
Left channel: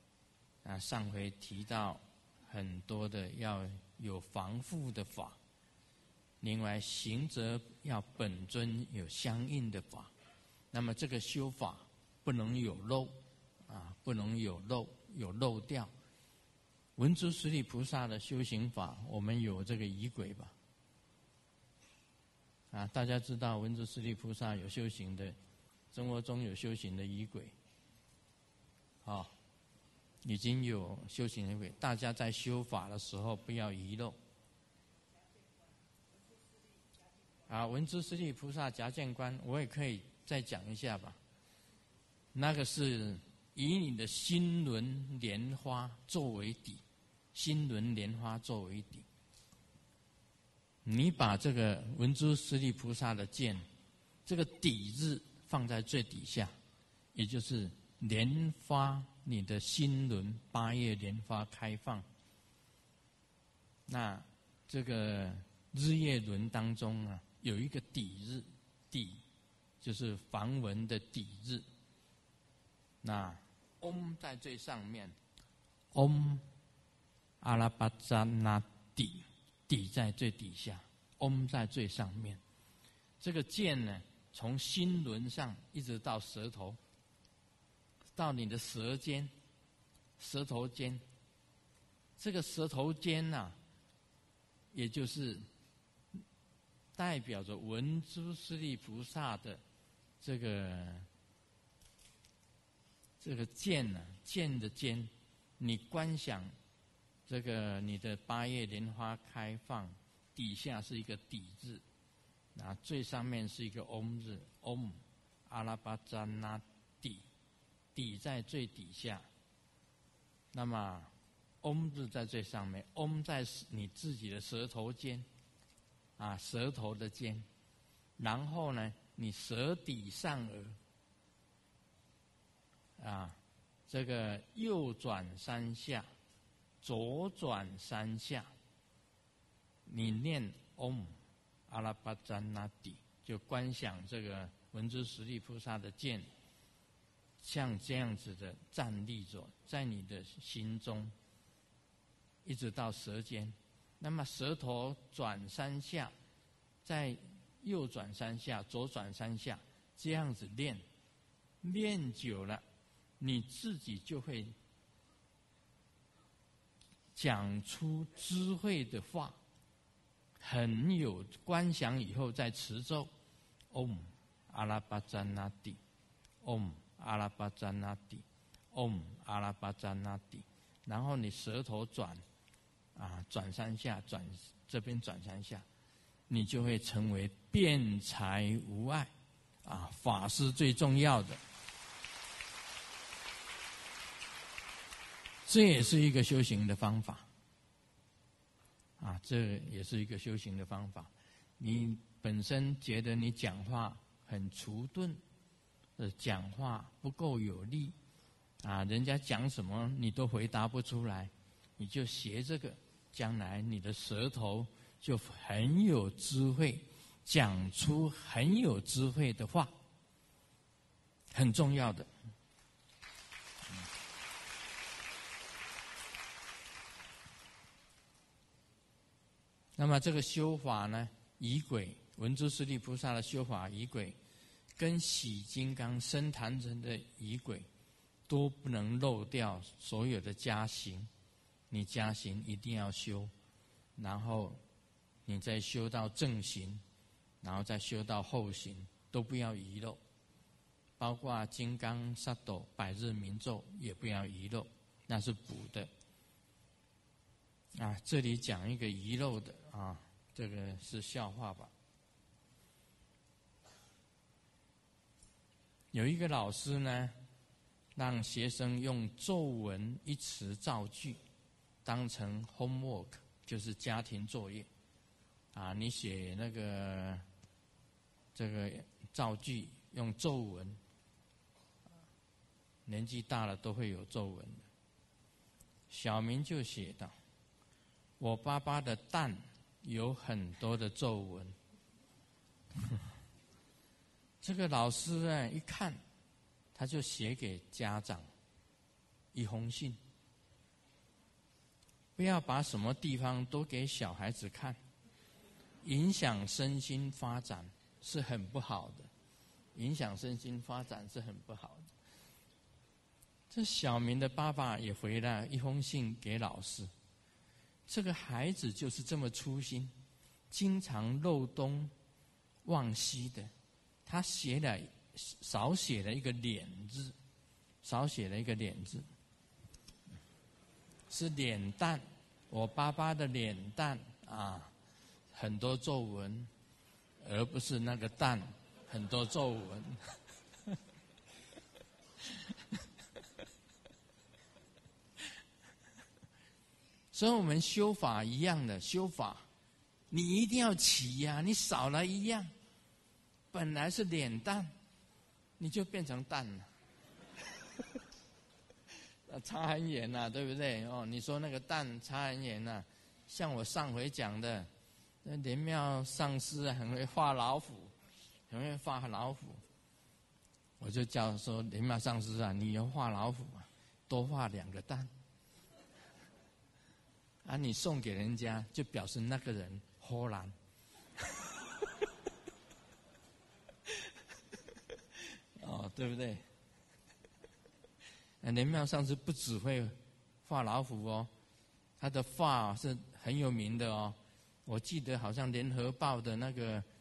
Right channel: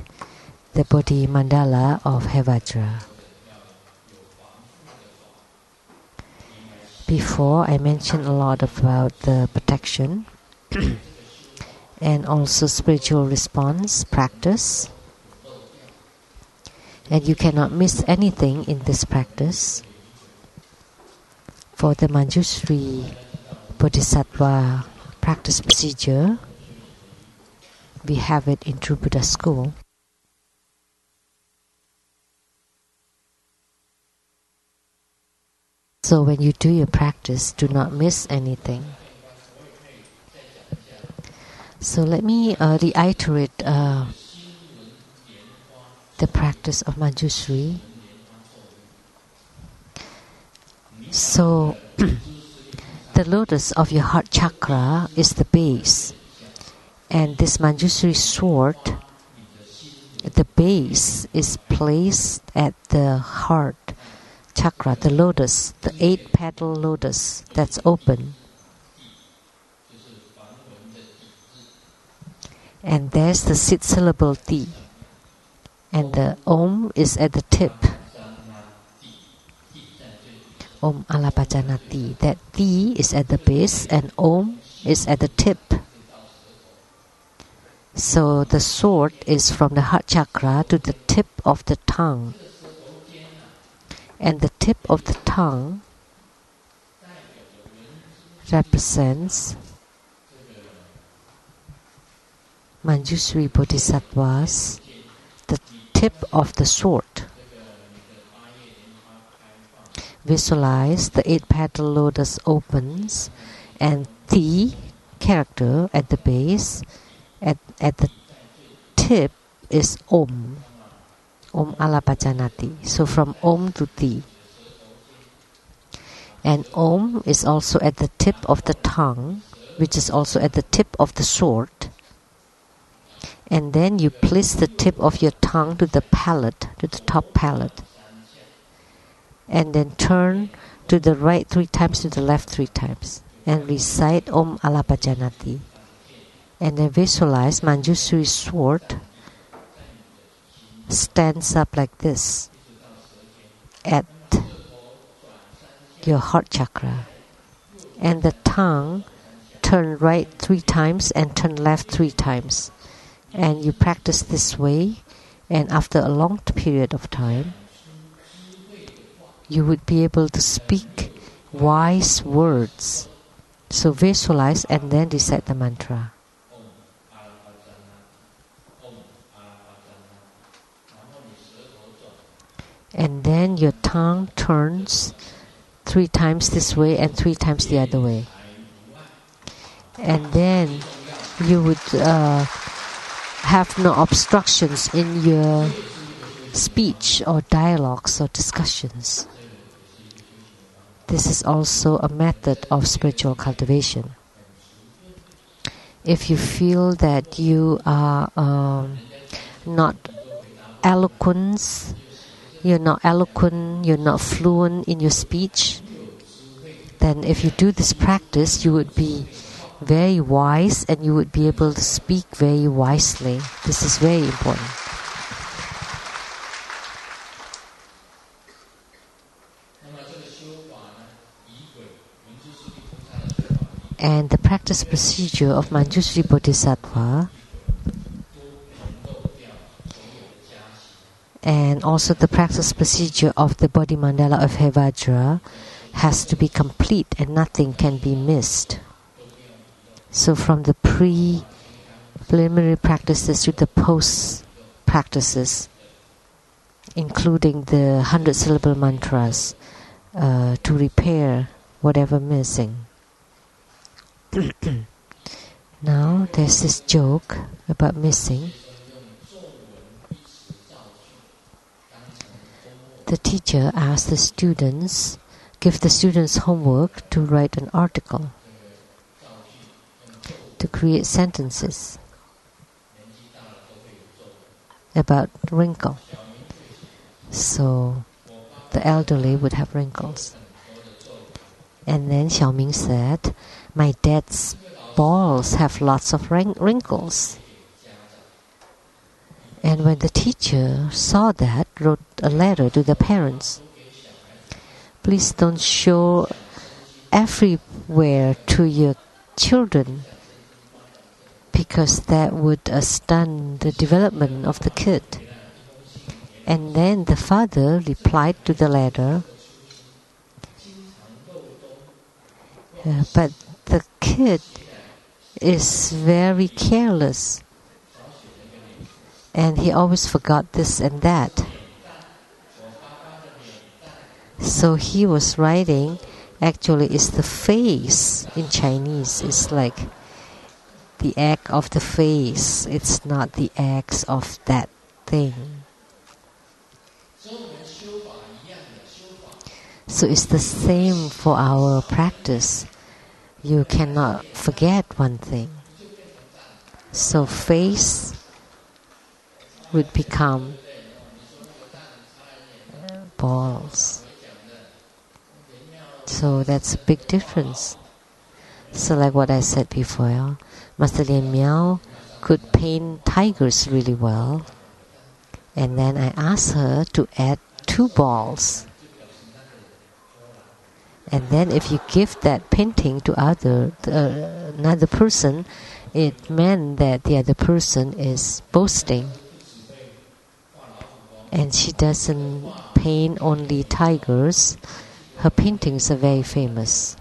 the Bodhi Mandala of Hevajra. Before, I mentioned a lot about the protection and also spiritual response practice. And you cannot miss anything in this practice. For the Manjushri Bodhisattva practice procedure, we have it in True Buddha School. So when you do your practice, do not miss anything. So let me reiterate the practice of Manjushri. So the lotus of your heart chakra is the base, and this Manjushri sword, the base is placed at the heart chakra, the lotus, the 8-petal lotus that's open. And there's the 6-syllable Ti. And the Om is at the tip. Om Alapajanati. That Ti is at the base and Om is at the tip. So the sword is from the heart chakra to the tip of the tongue. And the tip of the tongue represents Manjushri Bodhisattvas, the tip of the sword. Visualize the 8-petal lotus opens and the character at the base, at the tip is Om. Om Alapajanati. So from Om to Ti. And Om is also at the tip of the tongue, which is also at the tip of the sword. And then you place the tip of your tongue to the palate, to the top palate. And then turn to the right 3 times, to the left 3 times. And recite Om Alapajanati. And then visualize Manjushri's sword stands up like this at your heart chakra. And the tongue turn right 3 times and turn left 3 times. And you practice this way, and after a long period of time, you would be able to speak wise words. So visualize and then recite the mantra. And then your tongue turns 3 times this way and 3 times the other way. And then you would have no obstructions in your speech or dialogues or discussions. This is also a method of spiritual cultivation. If you feel that you are not eloquent, you're not fluent in your speech, then if you do this practice, you would be very wise and you would be able to speak very wisely. This is very important. And the practice procedure of Manjushri Bodhisattva and also the practice procedure of the body mandala of Hevajra has to be complete and nothing can be missed. So from the preliminary practices to the post practices, including the 100-syllable mantras, to repair whatever missing. Now there's this joke about missing. The teacher asked the students, give the students homework to write an article, to create sentences about wrinkle. So the elderly would have wrinkles. And then Xiaoming said, my dad's balls have lots of wrinkles. And when the teacher saw that, wrote a letter to the parents. Please don't show everywhere to your children, because that would stun the development of the kid. And then the father replied to the letter, but the kid is very careless, and he always forgot this and that. So he was writing, actually it's the face in Chinese. It's like the act of the face. It's not the acts of that thing. So it's the same for our practice. You cannot forget one thing. So face would become balls. So that's a big difference. So like what I said before, Master Lien Miao could paint tigers really well. And then I asked her to add 2 balls. And then if you give that painting to another person, it meant that the other person is boasting. And she doesn't paint only tigers. Her paintings are very famous.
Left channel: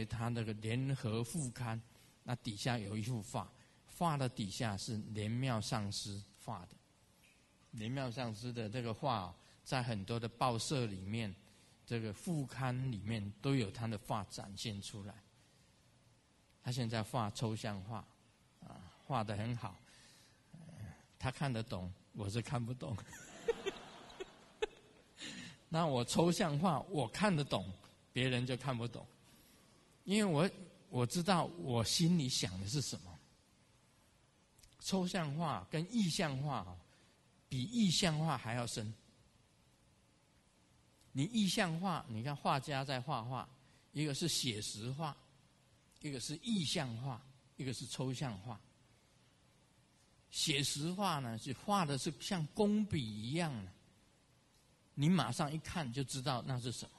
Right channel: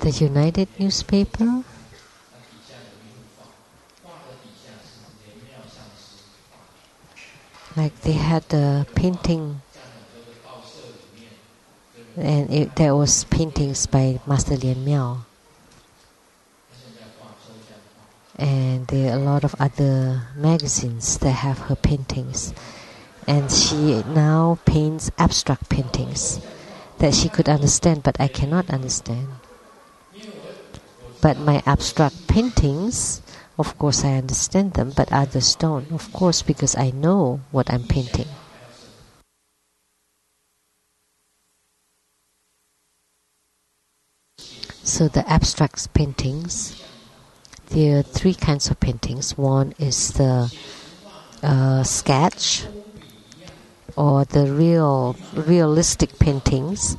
The United newspaper, like they had a painting, and there was paintings by Master Lien Miao. And there are a lot of other magazines that have her paintings. And she now paints abstract paintings that she could understand, but I cannot understand. But my abstract paintings, of course I understand them, but others don't. Of course, because I know what I'm painting. So the abstract paintings, there are 3 kinds of paintings. One is the sketch, or the realistic paintings,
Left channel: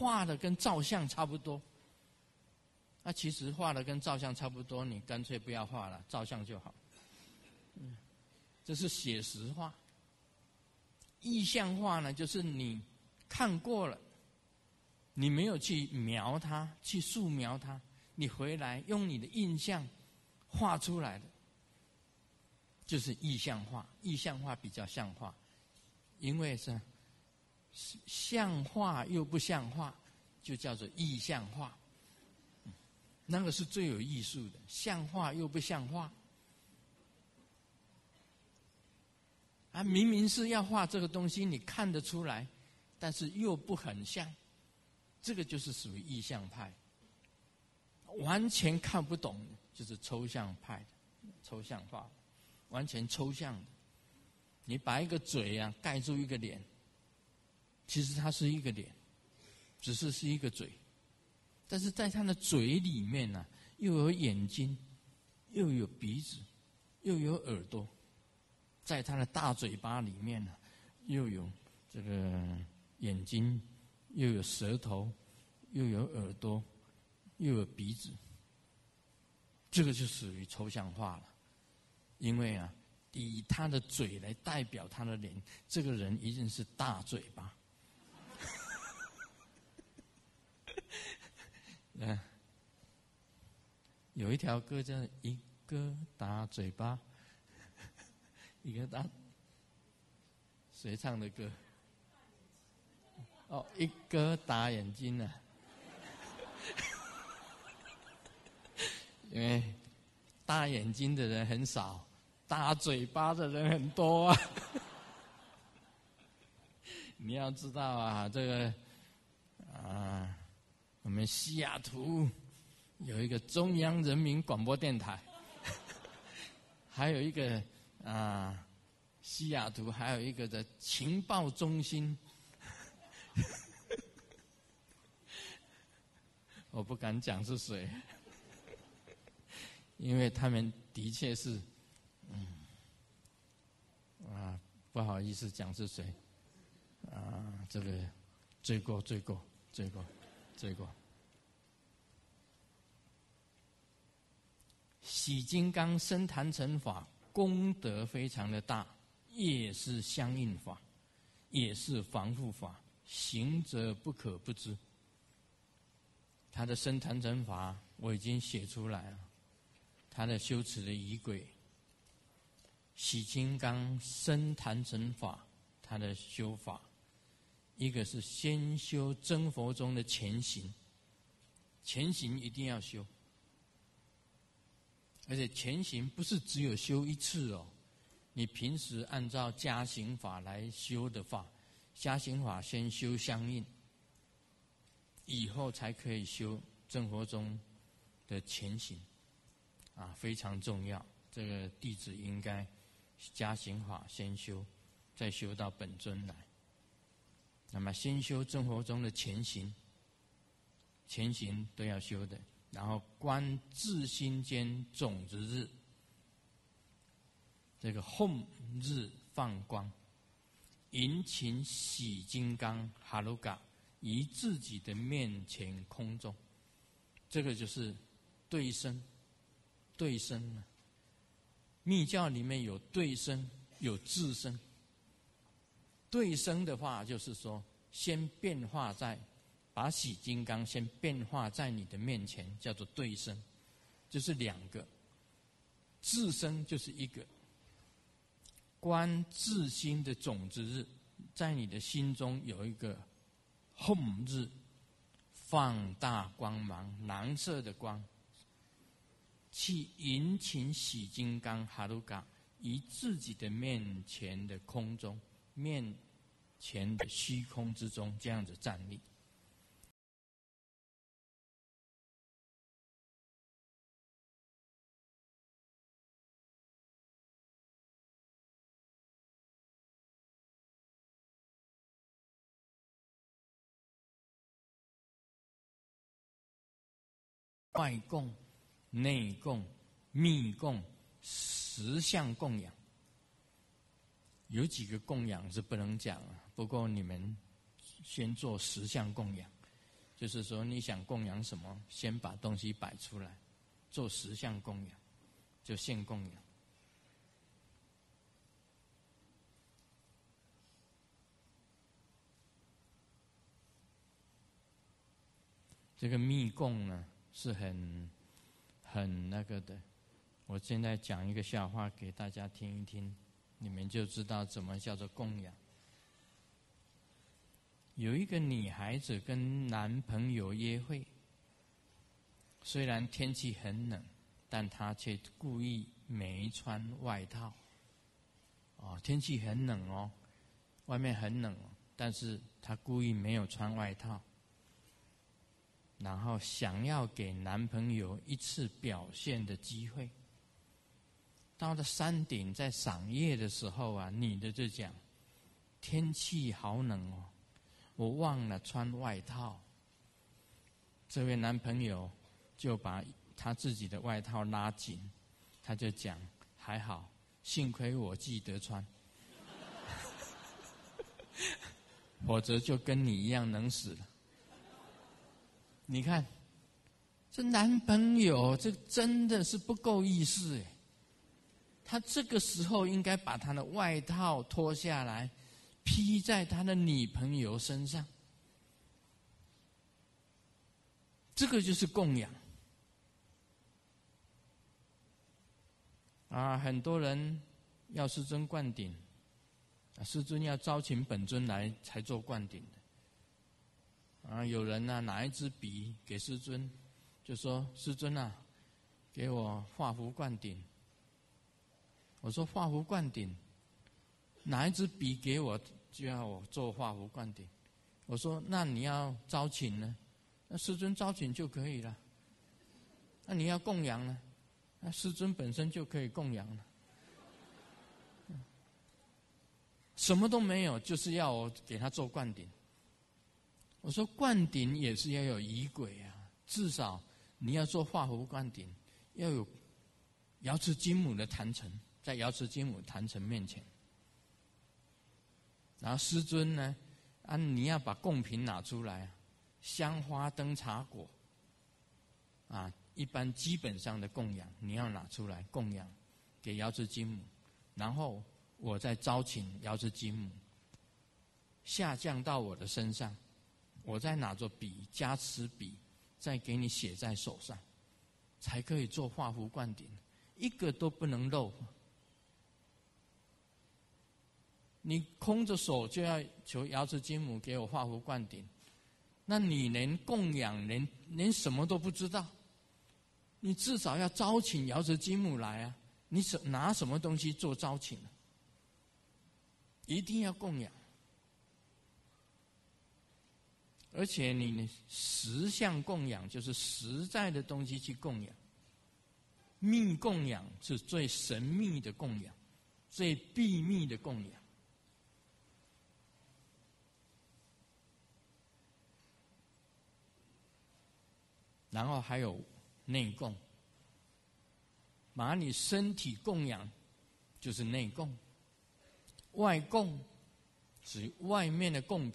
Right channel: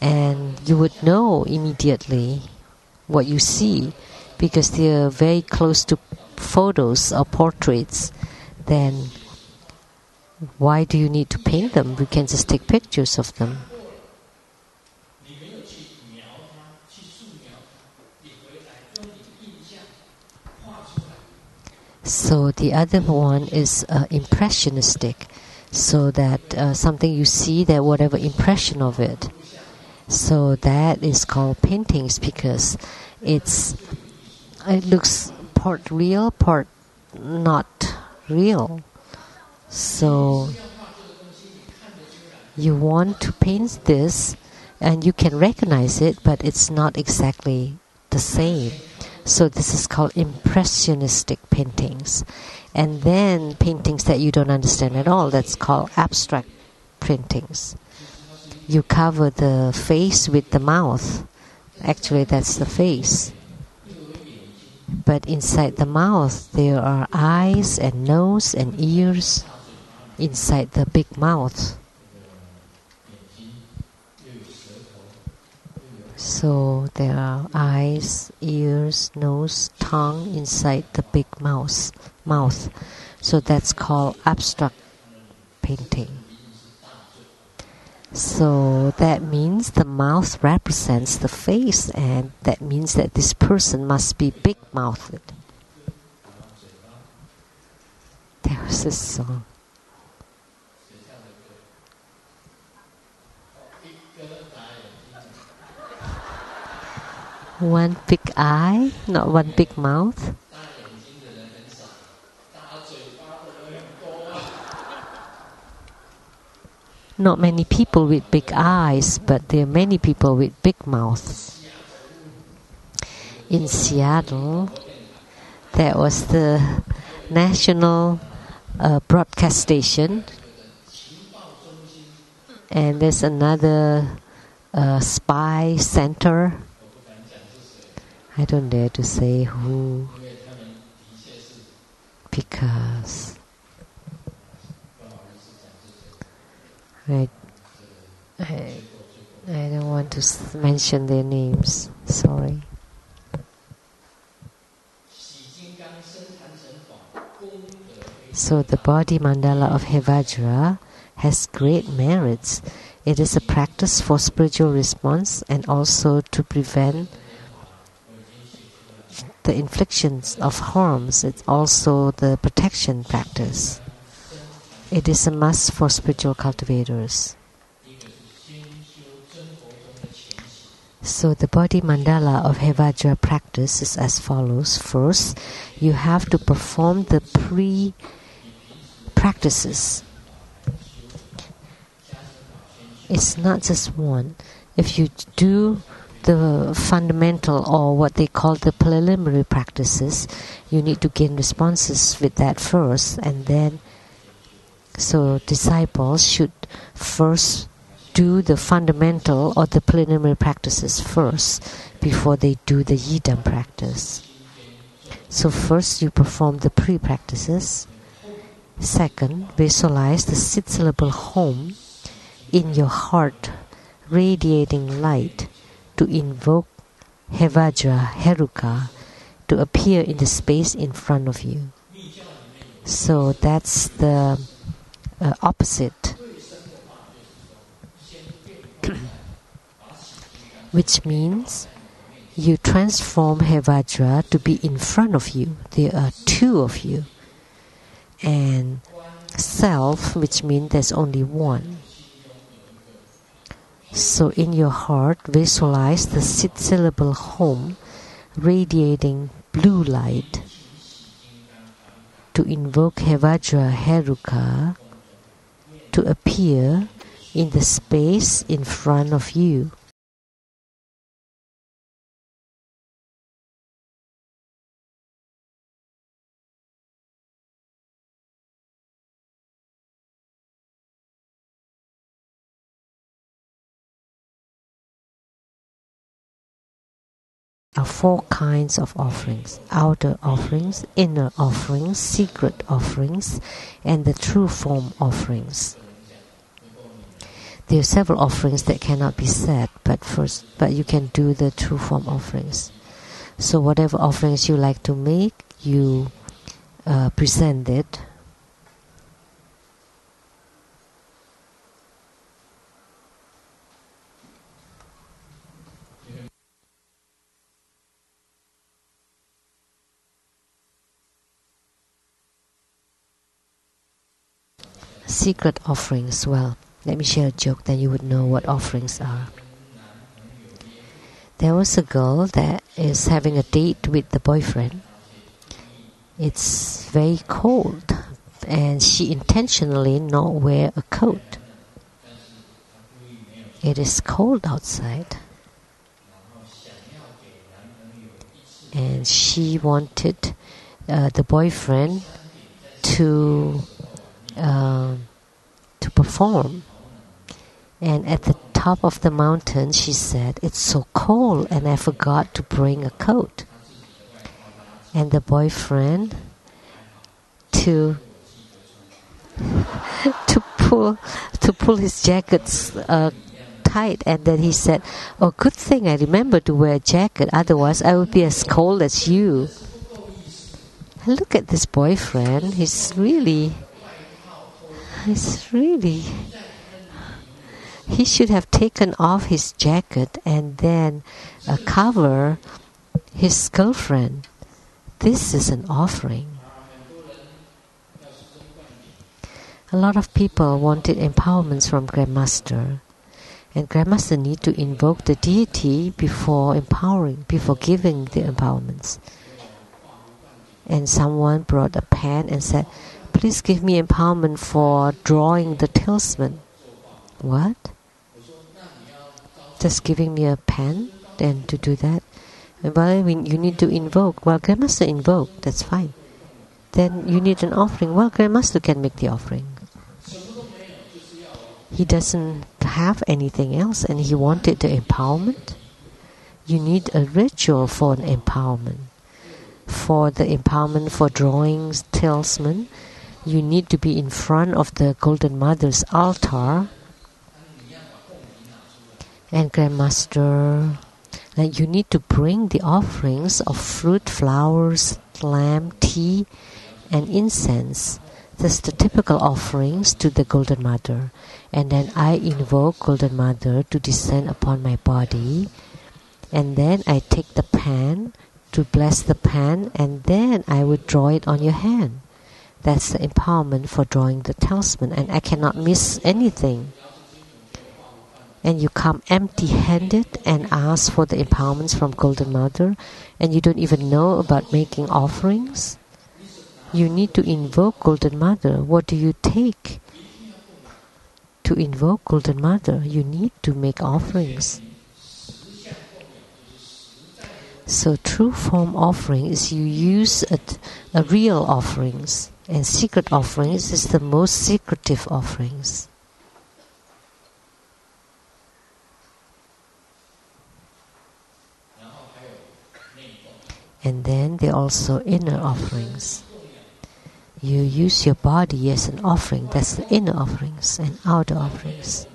and you would know immediately what you see because they are very close to photos or portraits. Then why do you need to paint them? We can just take pictures of them. So the other one is impressionistic, so that something you see, that whatever impression of it. So that is called paintings because it looks part real, part not real. So you want to paint this and you can recognize it, but it's not exactly the same. So this is called impressionistic paintings. And then paintings that you don't understand at all, that's called abstract paintings. You cover the face with the mouth. Actually, that's the face. But inside the mouth, there are eyes and nose and ears inside the big mouth. So there are eyes, ears, nose, tongue inside the big mouth. So that's called abstract painting. So that means the mouth represents the face, and that means that this person must be big-mouthed. There was a song. One big eye, not one big mouth. Not many people with big eyes, but there are many people with big mouths. In Seattle, there was the national broadcast station, and there's another spy center. I don't dare to say who, because I don't want to mention their names. Sorry. So the body mandala of Hevajra has great merits. It is a practice for spiritual response and also to prevent the inflictions of harms. It's also the protection practice. It is a must for spiritual cultivators. So the body mandala of Hevajra practice is as follows. First, you have to perform the pre-practices. It's not just one. If you do the fundamental or what they call the preliminary practices, you need to gain responses with that first, and then so disciples should first do the fundamental or the preliminary practices first before they do the yidam practice. So first you perform the pre-practices. Second, visualize the 6-syllable home in your heart, radiating light, to invoke Hevajra Heruka to appear in the space in front of you. So that's the opposite, which means you transform Hevajra to be in front of you. There are two of you. And self, which means there's only one. So in your heart, visualize the 6-syllable home radiating blue light to invoke Hevajra Heruka to appear in the space in front of you. Are 4 kinds of offerings: outer offerings, inner offerings, secret offerings, and the true form offerings. There are several offerings that cannot be said, but you can do the true form offerings. So whatever offerings you like to make, you present it. Secret offerings. Well, let me share a joke, then you would know what offerings are. There was a girl that is having a date with the boyfriend. It's very cold, and she intentionally not wear a coat. It is cold outside, and she wanted the boyfriend to perform. And at the top of the mountain, she said, "It's so cold, and I forgot to bring a coat." And the boyfriend to pull his jackets tight, and then he said, "Oh, good thing I remember to wear a jacket. Otherwise, I would be as cold as you." And look at this boyfriend. He's really. He should have taken off his jacket and then cover his girlfriend. This is an offering. A lot of people wanted empowerments from Grandmaster. And Grandmaster need to invoke the deity before giving the empowerments. And someone brought a pen and said, "Please give me empowerment for drawing the talisman." What? Just giving me a pen then to do that? Well, you need to invoke. Well, Grandmaster invoked, that's fine. Then you need an offering. Well, Grandmaster can make the offering. He doesn't have anything else and he wanted the empowerment. You need a ritual for an empowerment. For the empowerment for drawing talisman, you need to be in front of the Golden Mother's altar. And Grandmaster, you need to bring the offerings of fruit, flowers, lamb, tea, and incense. That's the typical offerings to the Golden Mother. And then I invoke Golden Mother to descend upon my body. And then I take the pen to bless the pen, and then I would draw it on your hand. That's the empowerment for drawing the talisman, and I cannot miss anything. And you come empty-handed and ask for the empowerments from Golden Mother, and you don't even know about making offerings. You need to invoke Golden Mother. What do you take? To invoke Golden Mother, you need to make offerings. So true form offering is you use a real offerings, and secret offerings is the most secretive offerings. And then there are also inner offerings. You use your body as an offering. That's the inner offerings and outer offerings.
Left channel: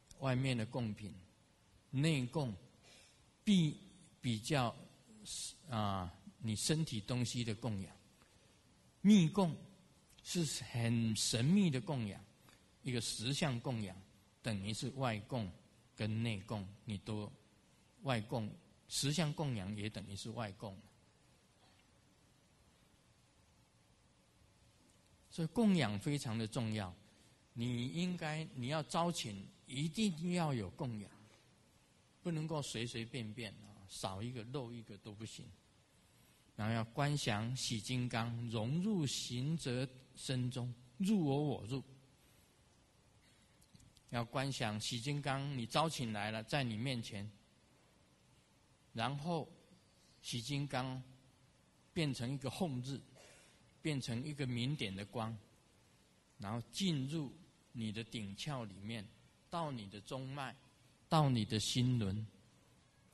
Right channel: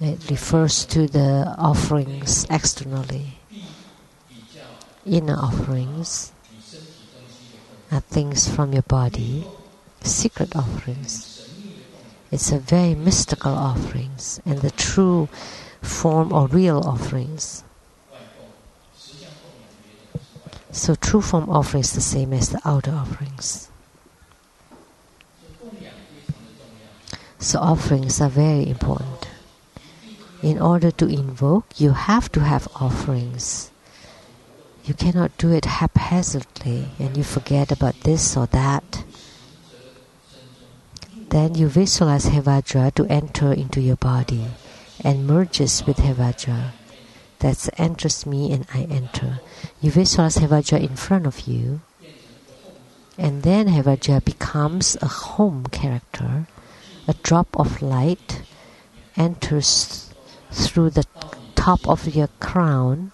It refers to the offerings externally. Inner offerings are things from your body. Secret offerings. It's a very mystical offerings and the true form or real offerings. So true form offering is the same as the outer offerings. So offerings are very important. In order to invoke, you have to have offerings. You cannot do it haphazardly and you forget about this or that. Then you visualize Hevajra to enter into your body and merges with Hevajra. That enters me and I enter. You visualize Hevajra in front of you, and then Hevajra becomes a home character. A drop of light enters through the top of your crown,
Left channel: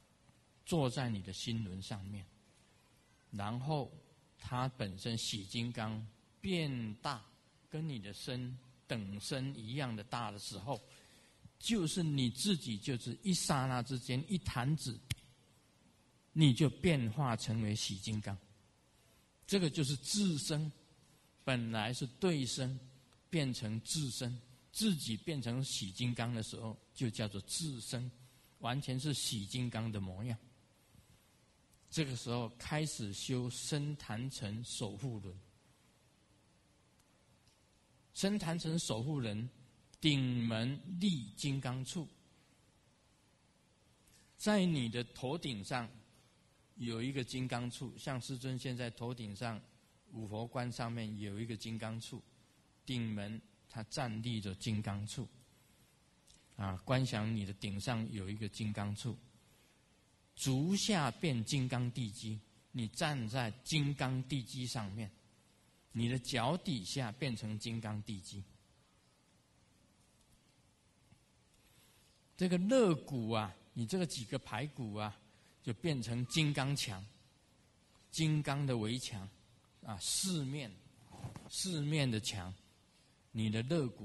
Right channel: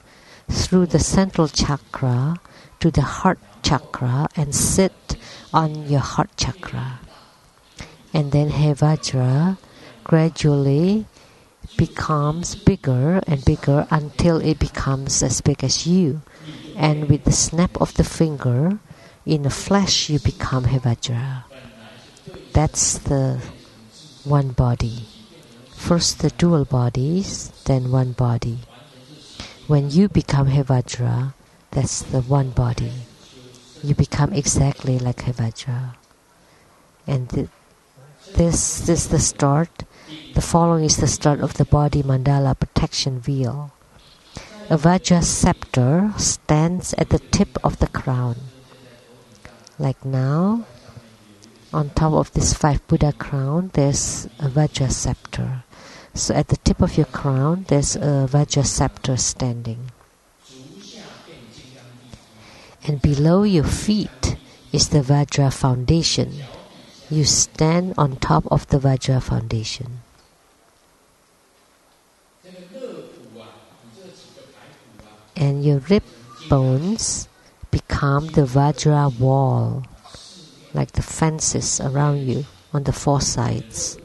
through the central chakra to the heart chakra and sit on your heart chakra. And then Hevajra gradually becomes bigger and bigger until it becomes as big as you. And with the snap of the finger, in the flesh you become Hevajra. That's the one body. First the dual bodies, then one body. When you become Hevajra, that's the one body. You become exactly like Hevajra. And this is the start. The following is the start of the body mandala protection wheel. A Vajra scepter stands at the tip of the crown. Like now, on top of this 5 Buddha crown, there's a Vajra scepter. So at the tip of your crown, there's a Vajra scepter standing. And below your feet is the Vajra foundation. You stand on top of the Vajra foundation. And your rib bones become the Vajra wall, like the fences around you on the 4 sides.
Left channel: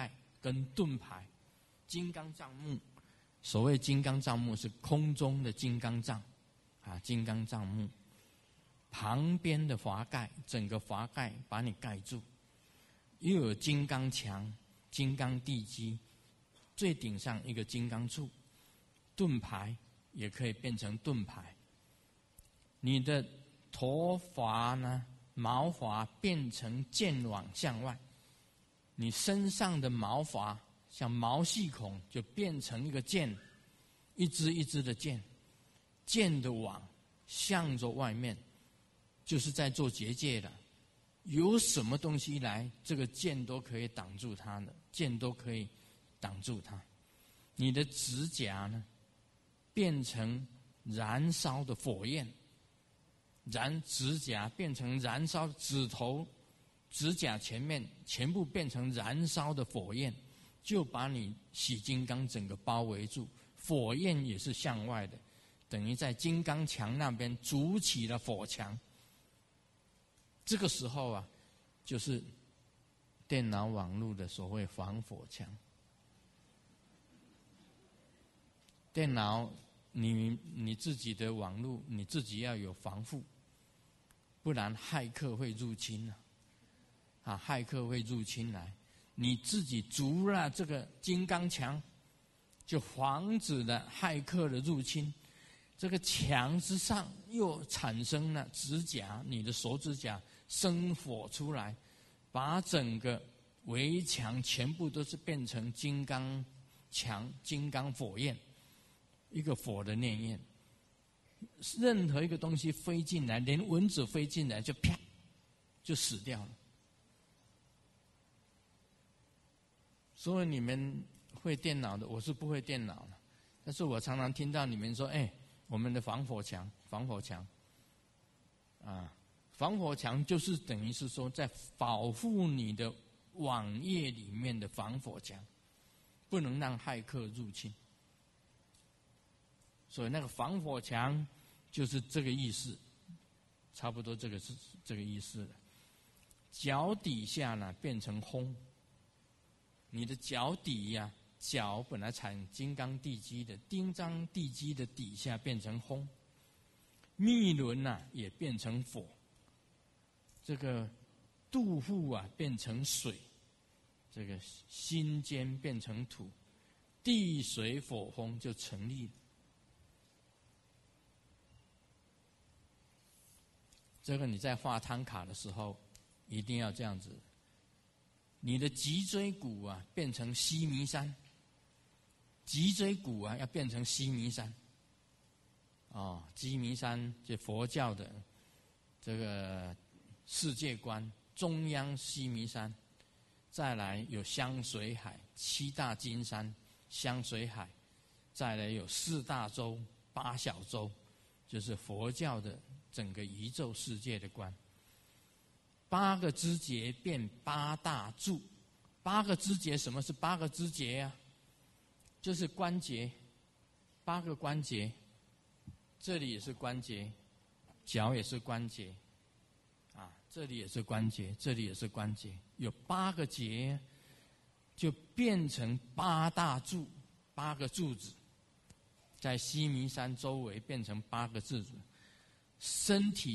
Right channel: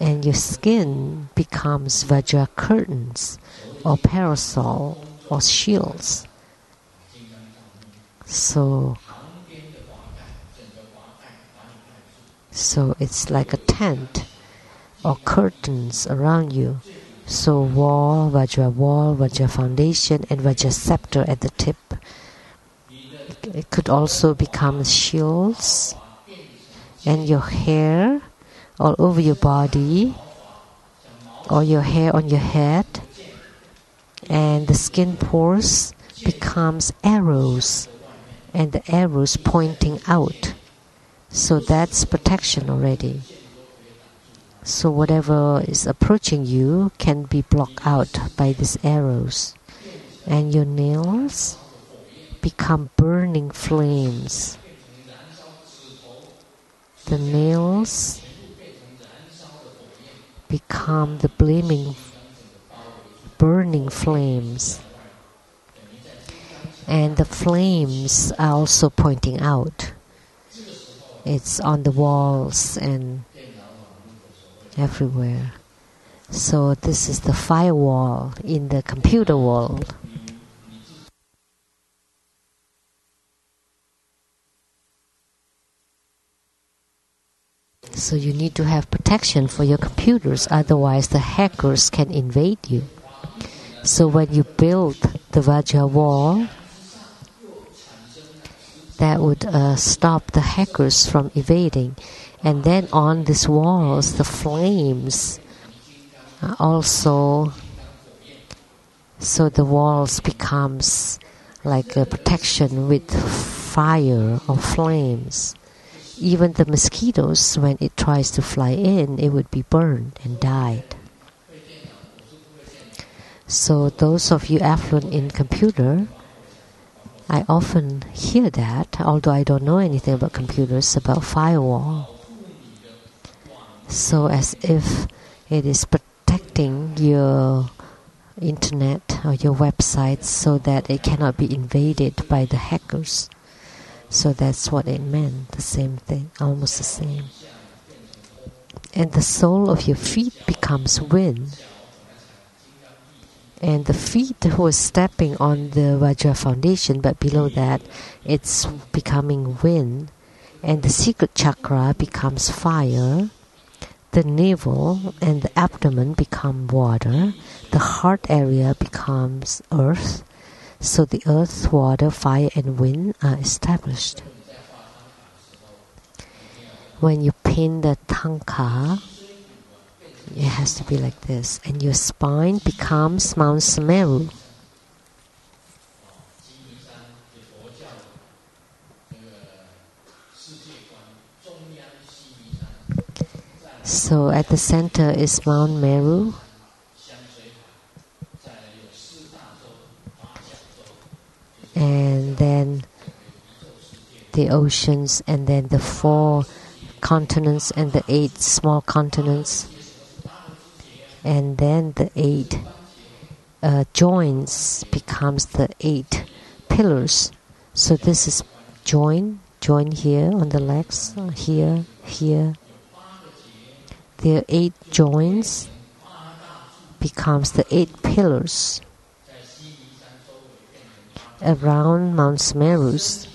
And your skin becomes Vajra curtains or parasol or shields. So it's like a tent or curtains around you. So wall, Vajra foundation, and Vajra scepter at the tip. It could also become shields, and your hair all over your body, or your hair on your head, and the skin pores becomes arrows, and the arrows pointing out. So that's protection already. So whatever is approaching you can be blocked out by these arrows. And your nails become burning flames. The nails become the burning flames. And the flames are also pointing out. It's on the walls and everywhere. So this is the firewall in the computer world. So you need to have protection for your computers, otherwise the hackers can invade you. So when you build the Vajra wall, that would stop the hackers from invading. And then on these walls, the flames also, so the walls becomes like a protection with fire or flames. Even the mosquitoes, when it tries to fly in, it would be burned and died. So those of you affluent in computer, I often hear that, although I don't know anything about computers, about firewall. So as if it is protecting your internet or your website so that it cannot be invaded by the hackers. So that's what it meant, the same thing, almost the same. And the sole of your feet becomes wind. And the feet was stepping on the Vajra foundation, but below that, it's becoming wind. And the secret chakra becomes fire. The navel and the abdomen become water. The heart area becomes earth. So the earth, water, fire, and wind are established. When you paint the tanka, it has to be like this. And your spine becomes Mount Sumeru. So at the center is Mount Meru. And then the oceans, and then the 4 continents and the 8 small continents. And then the 8 joints becomes the 8 pillars. So this is join here on the legs, here. There are 8 joints, becomes the 8 pillars around Mount Sumerus,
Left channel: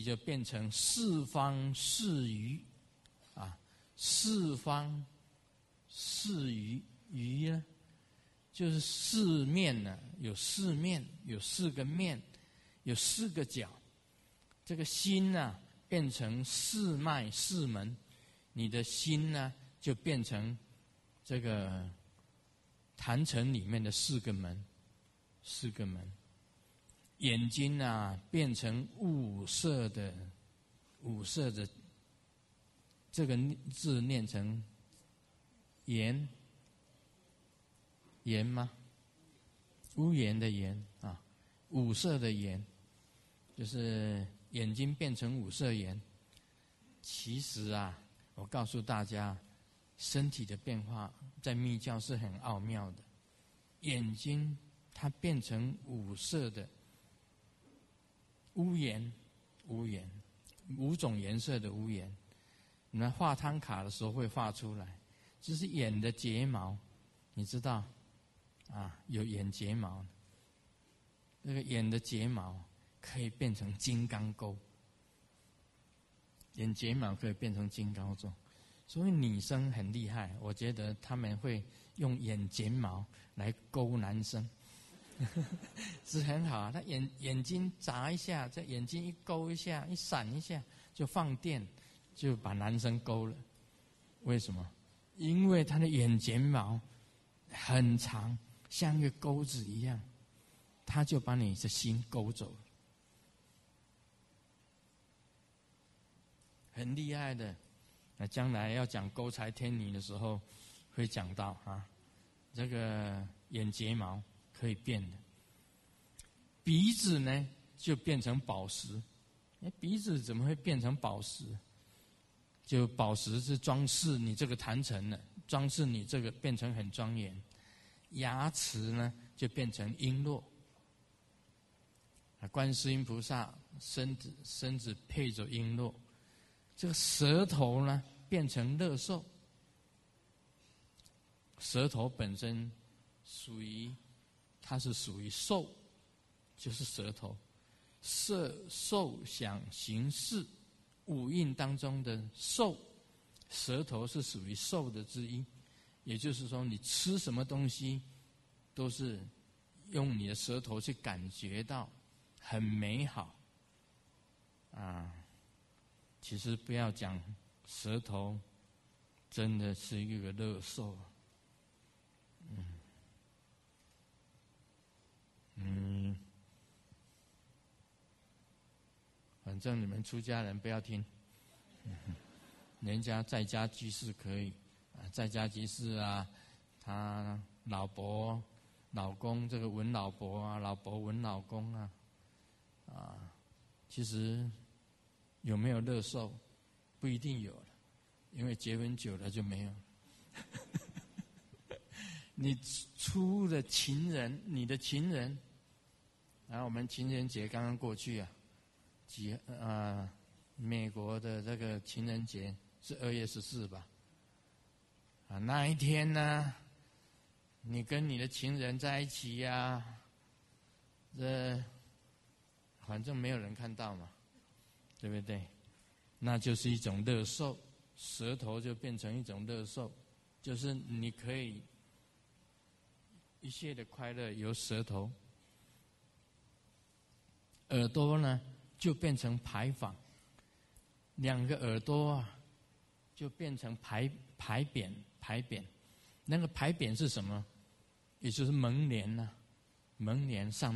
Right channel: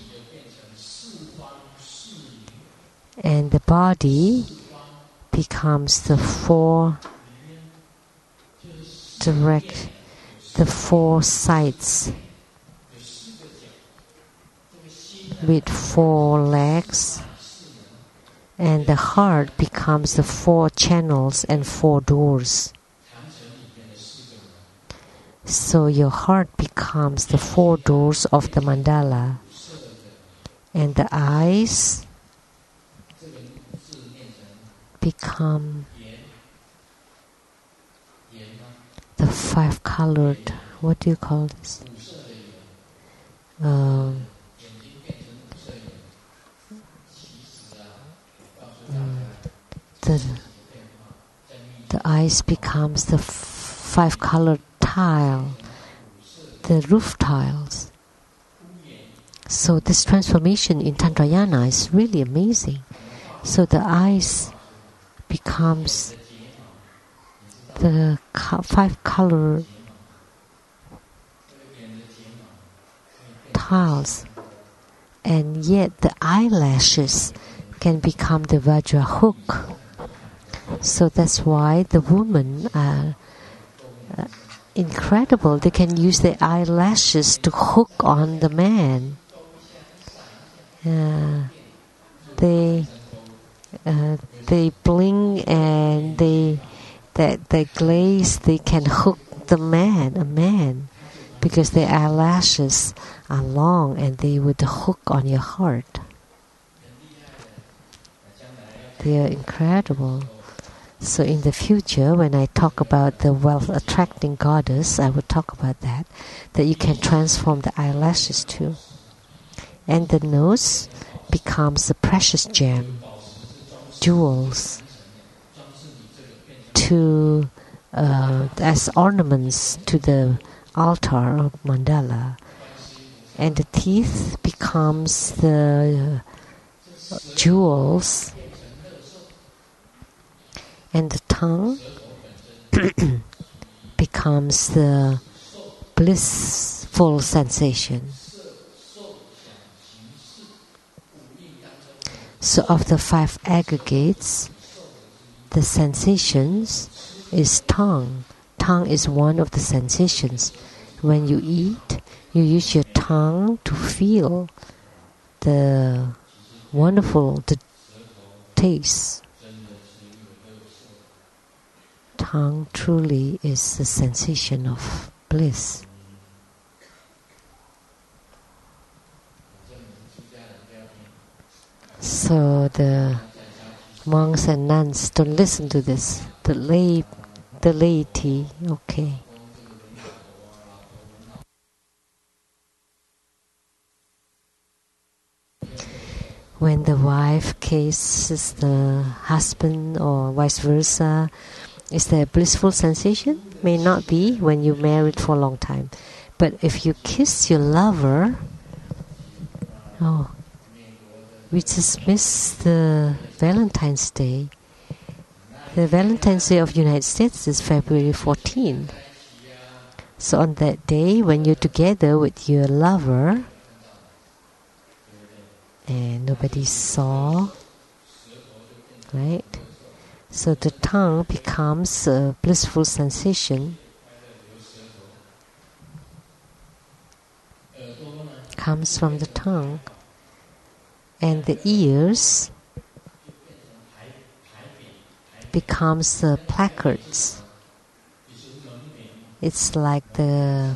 and the body becomes the 4 sides with 4 legs, and the heart becomes the 4 channels and 4 doors. So your heart becomes the 4 doors of the mandala, and the eyes become the 5-colored, what do you call this? The eyes becomes the 5-colored tile, the roof tiles. So this transformation in Tantrayana is really amazing. So the eyes becomes the 5-colored tiles, and yet the eyelashes can become the Vajra hook. So that's why the women are incredible. They can use their eyelashes to hook on the man. They bling and they glaze. They can hook a man, because their eyelashes are long and they would hook on your heart. They are incredible. So in the future, when I talk about the wealth-attracting goddess, I will talk about that you can transform the eyelashes too. And the nose becomes the precious gem, jewels, as ornaments to the altar of mandala. And the teeth becomes the jewels, and the tongue becomes the blissful sensation. So of the 5 aggregates, the sensations is tongue. Tongue is one of the sensations. When you eat, you use your tongue to feel the wonderful taste. Tongue truly is the sensation of bliss. So the monks and nuns don't listen to this. The laity, okay. When the wife kisses the husband or vice versa, is there a blissful sensation? May not be when you're married for a long time. But if you kiss your lover, we just missed the Valentine's Day. The Valentine's Day of the United States is February 14. So on that day, when you're together with your lover, and nobody saw, right? So the tongue becomes a blissful sensation. Comes from the tongue. And the ears becomes the placards. It's like the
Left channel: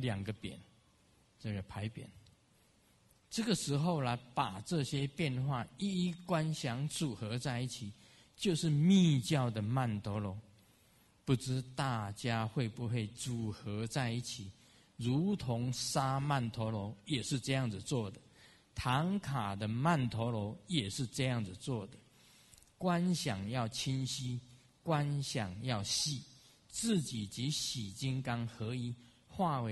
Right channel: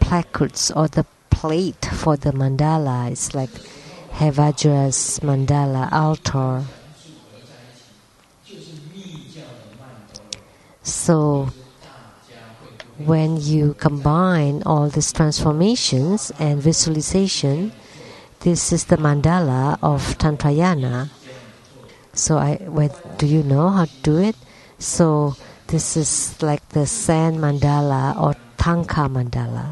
placards or the plate for the mandala. It's like Hevajra's mandala altar. So when you combine all these transformations and visualization, this is the mandala of Tantrayana. So do you know how to do it? So this is like the sand mandala or tanka mandala.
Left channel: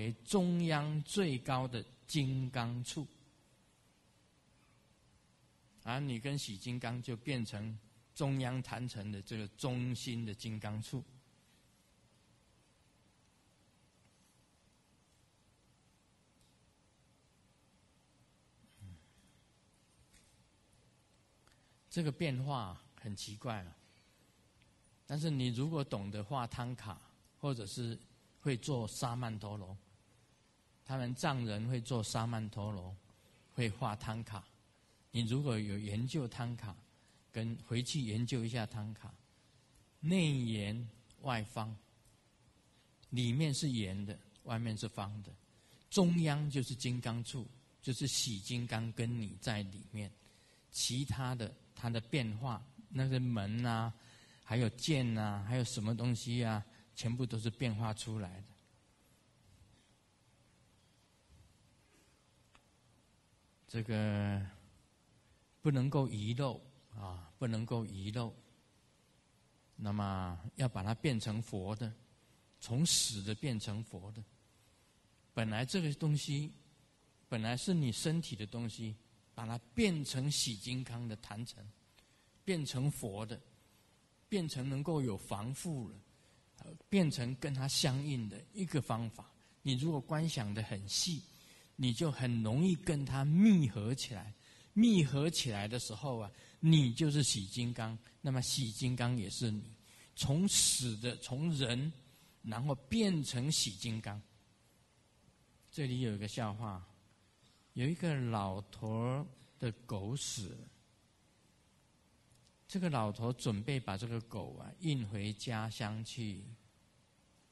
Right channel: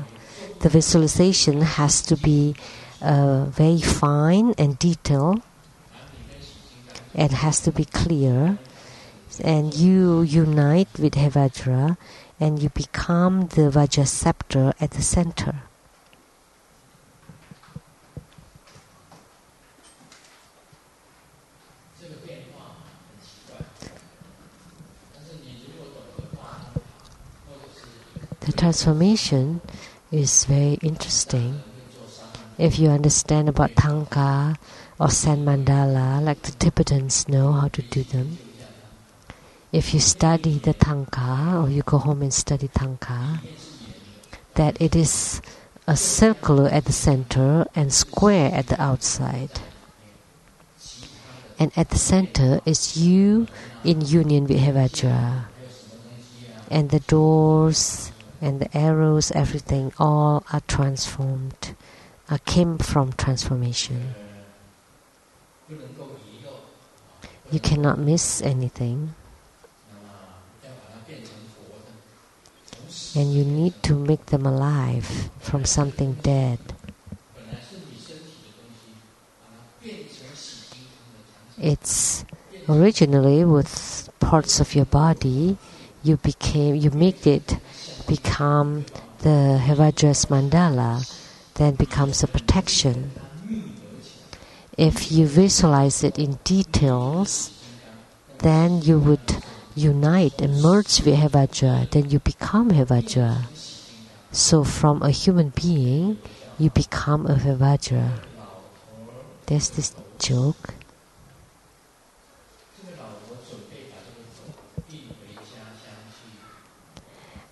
The visualization has to be very fine and detailed, and has to be clear. And you unite with Hevajra, and you become the Vajra scepter at the center. The transformation is very interesting. If you understand about tanka or sand mandala, like the Tibetans know how to do them, if you study the tanka, or you go home and study tanka, that it is a circle at the center and square at the outside. And at the center is you in union with Hevajra. And the doors and the arrows, everything, all are transformed, came from transformation. You cannot miss anything. And you need to make them alive from something dead. It's originally with parts of your body. You make it become the Hevajra's mandala, then becomes a protection. If you visualize it in details, then you would unite and merge with Hevajra, then you become Hevajra. So from a human being, you become a Hevajra. There's this joke.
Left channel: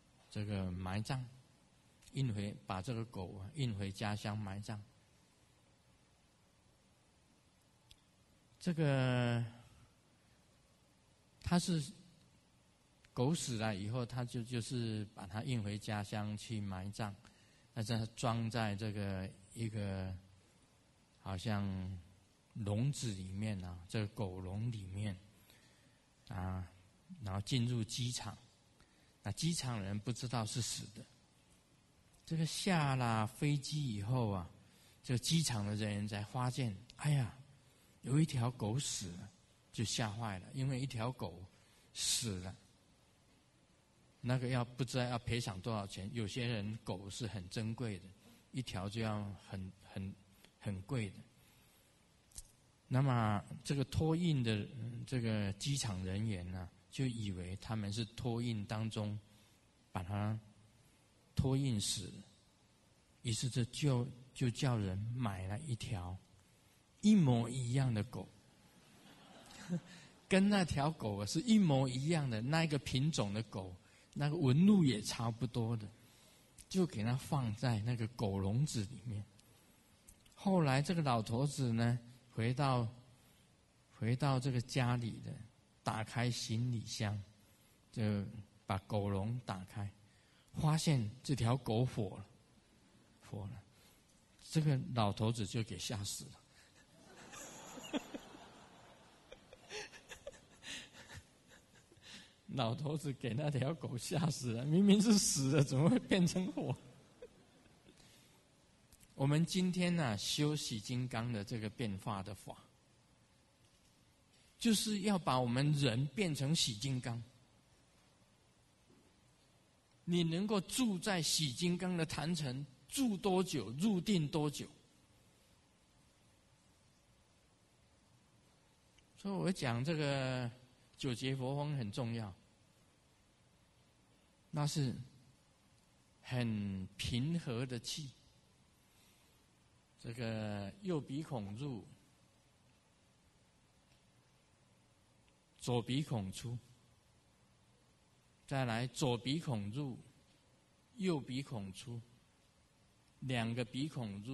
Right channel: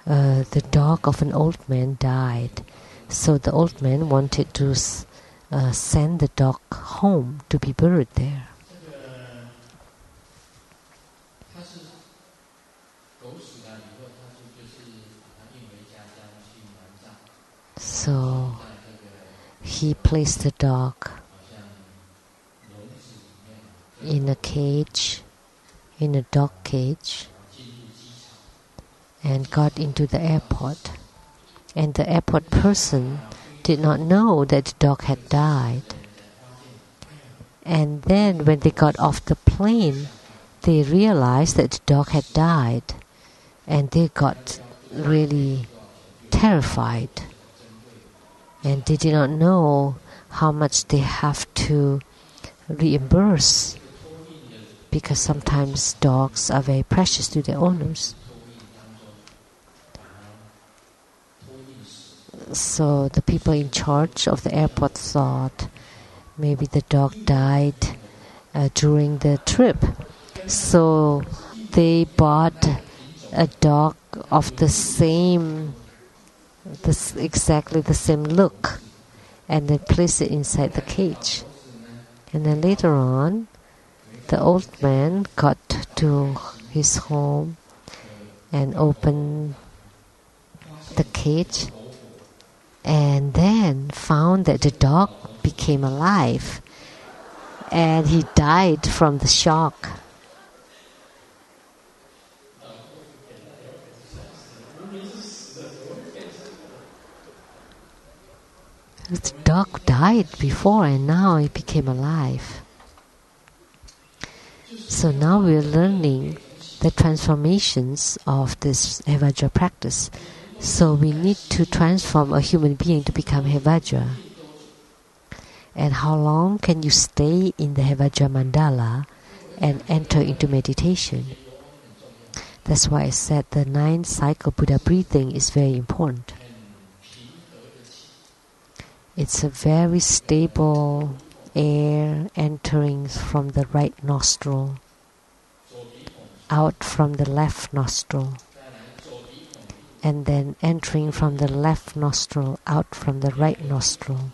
The dog of an old man died. So the old man wanted to send the dog home to be buried there. So he placed the dog in a cage, in a dog cage, and got into the airport. And the airport person did not know that the dog had died. And then when they got off the plane, they realized that the dog had died. And they got really terrified. And they did not know how much they have to reimburse, because sometimes dogs are very precious to their owners. So the people in charge of the airport thought maybe the dog died during the trip. So they bought a dog of exactly the same look, and then placed it inside the cage. And then later on, the old man got to his home and opened the cage, and then found that the dog became alive, and he died from the shock. The dog died before, and now it became alive. So now we're learning the transformations of this Hevajra practice. So we need to transform a human being to become Hevajra. And how long can you stay in the Hevajra mandala and enter into meditation? That's why I said the 9th cycle Buddha breathing is very important. It's a very stable air entering from the right nostril, out from the left nostril, and then entering from the left nostril, out from the right nostril,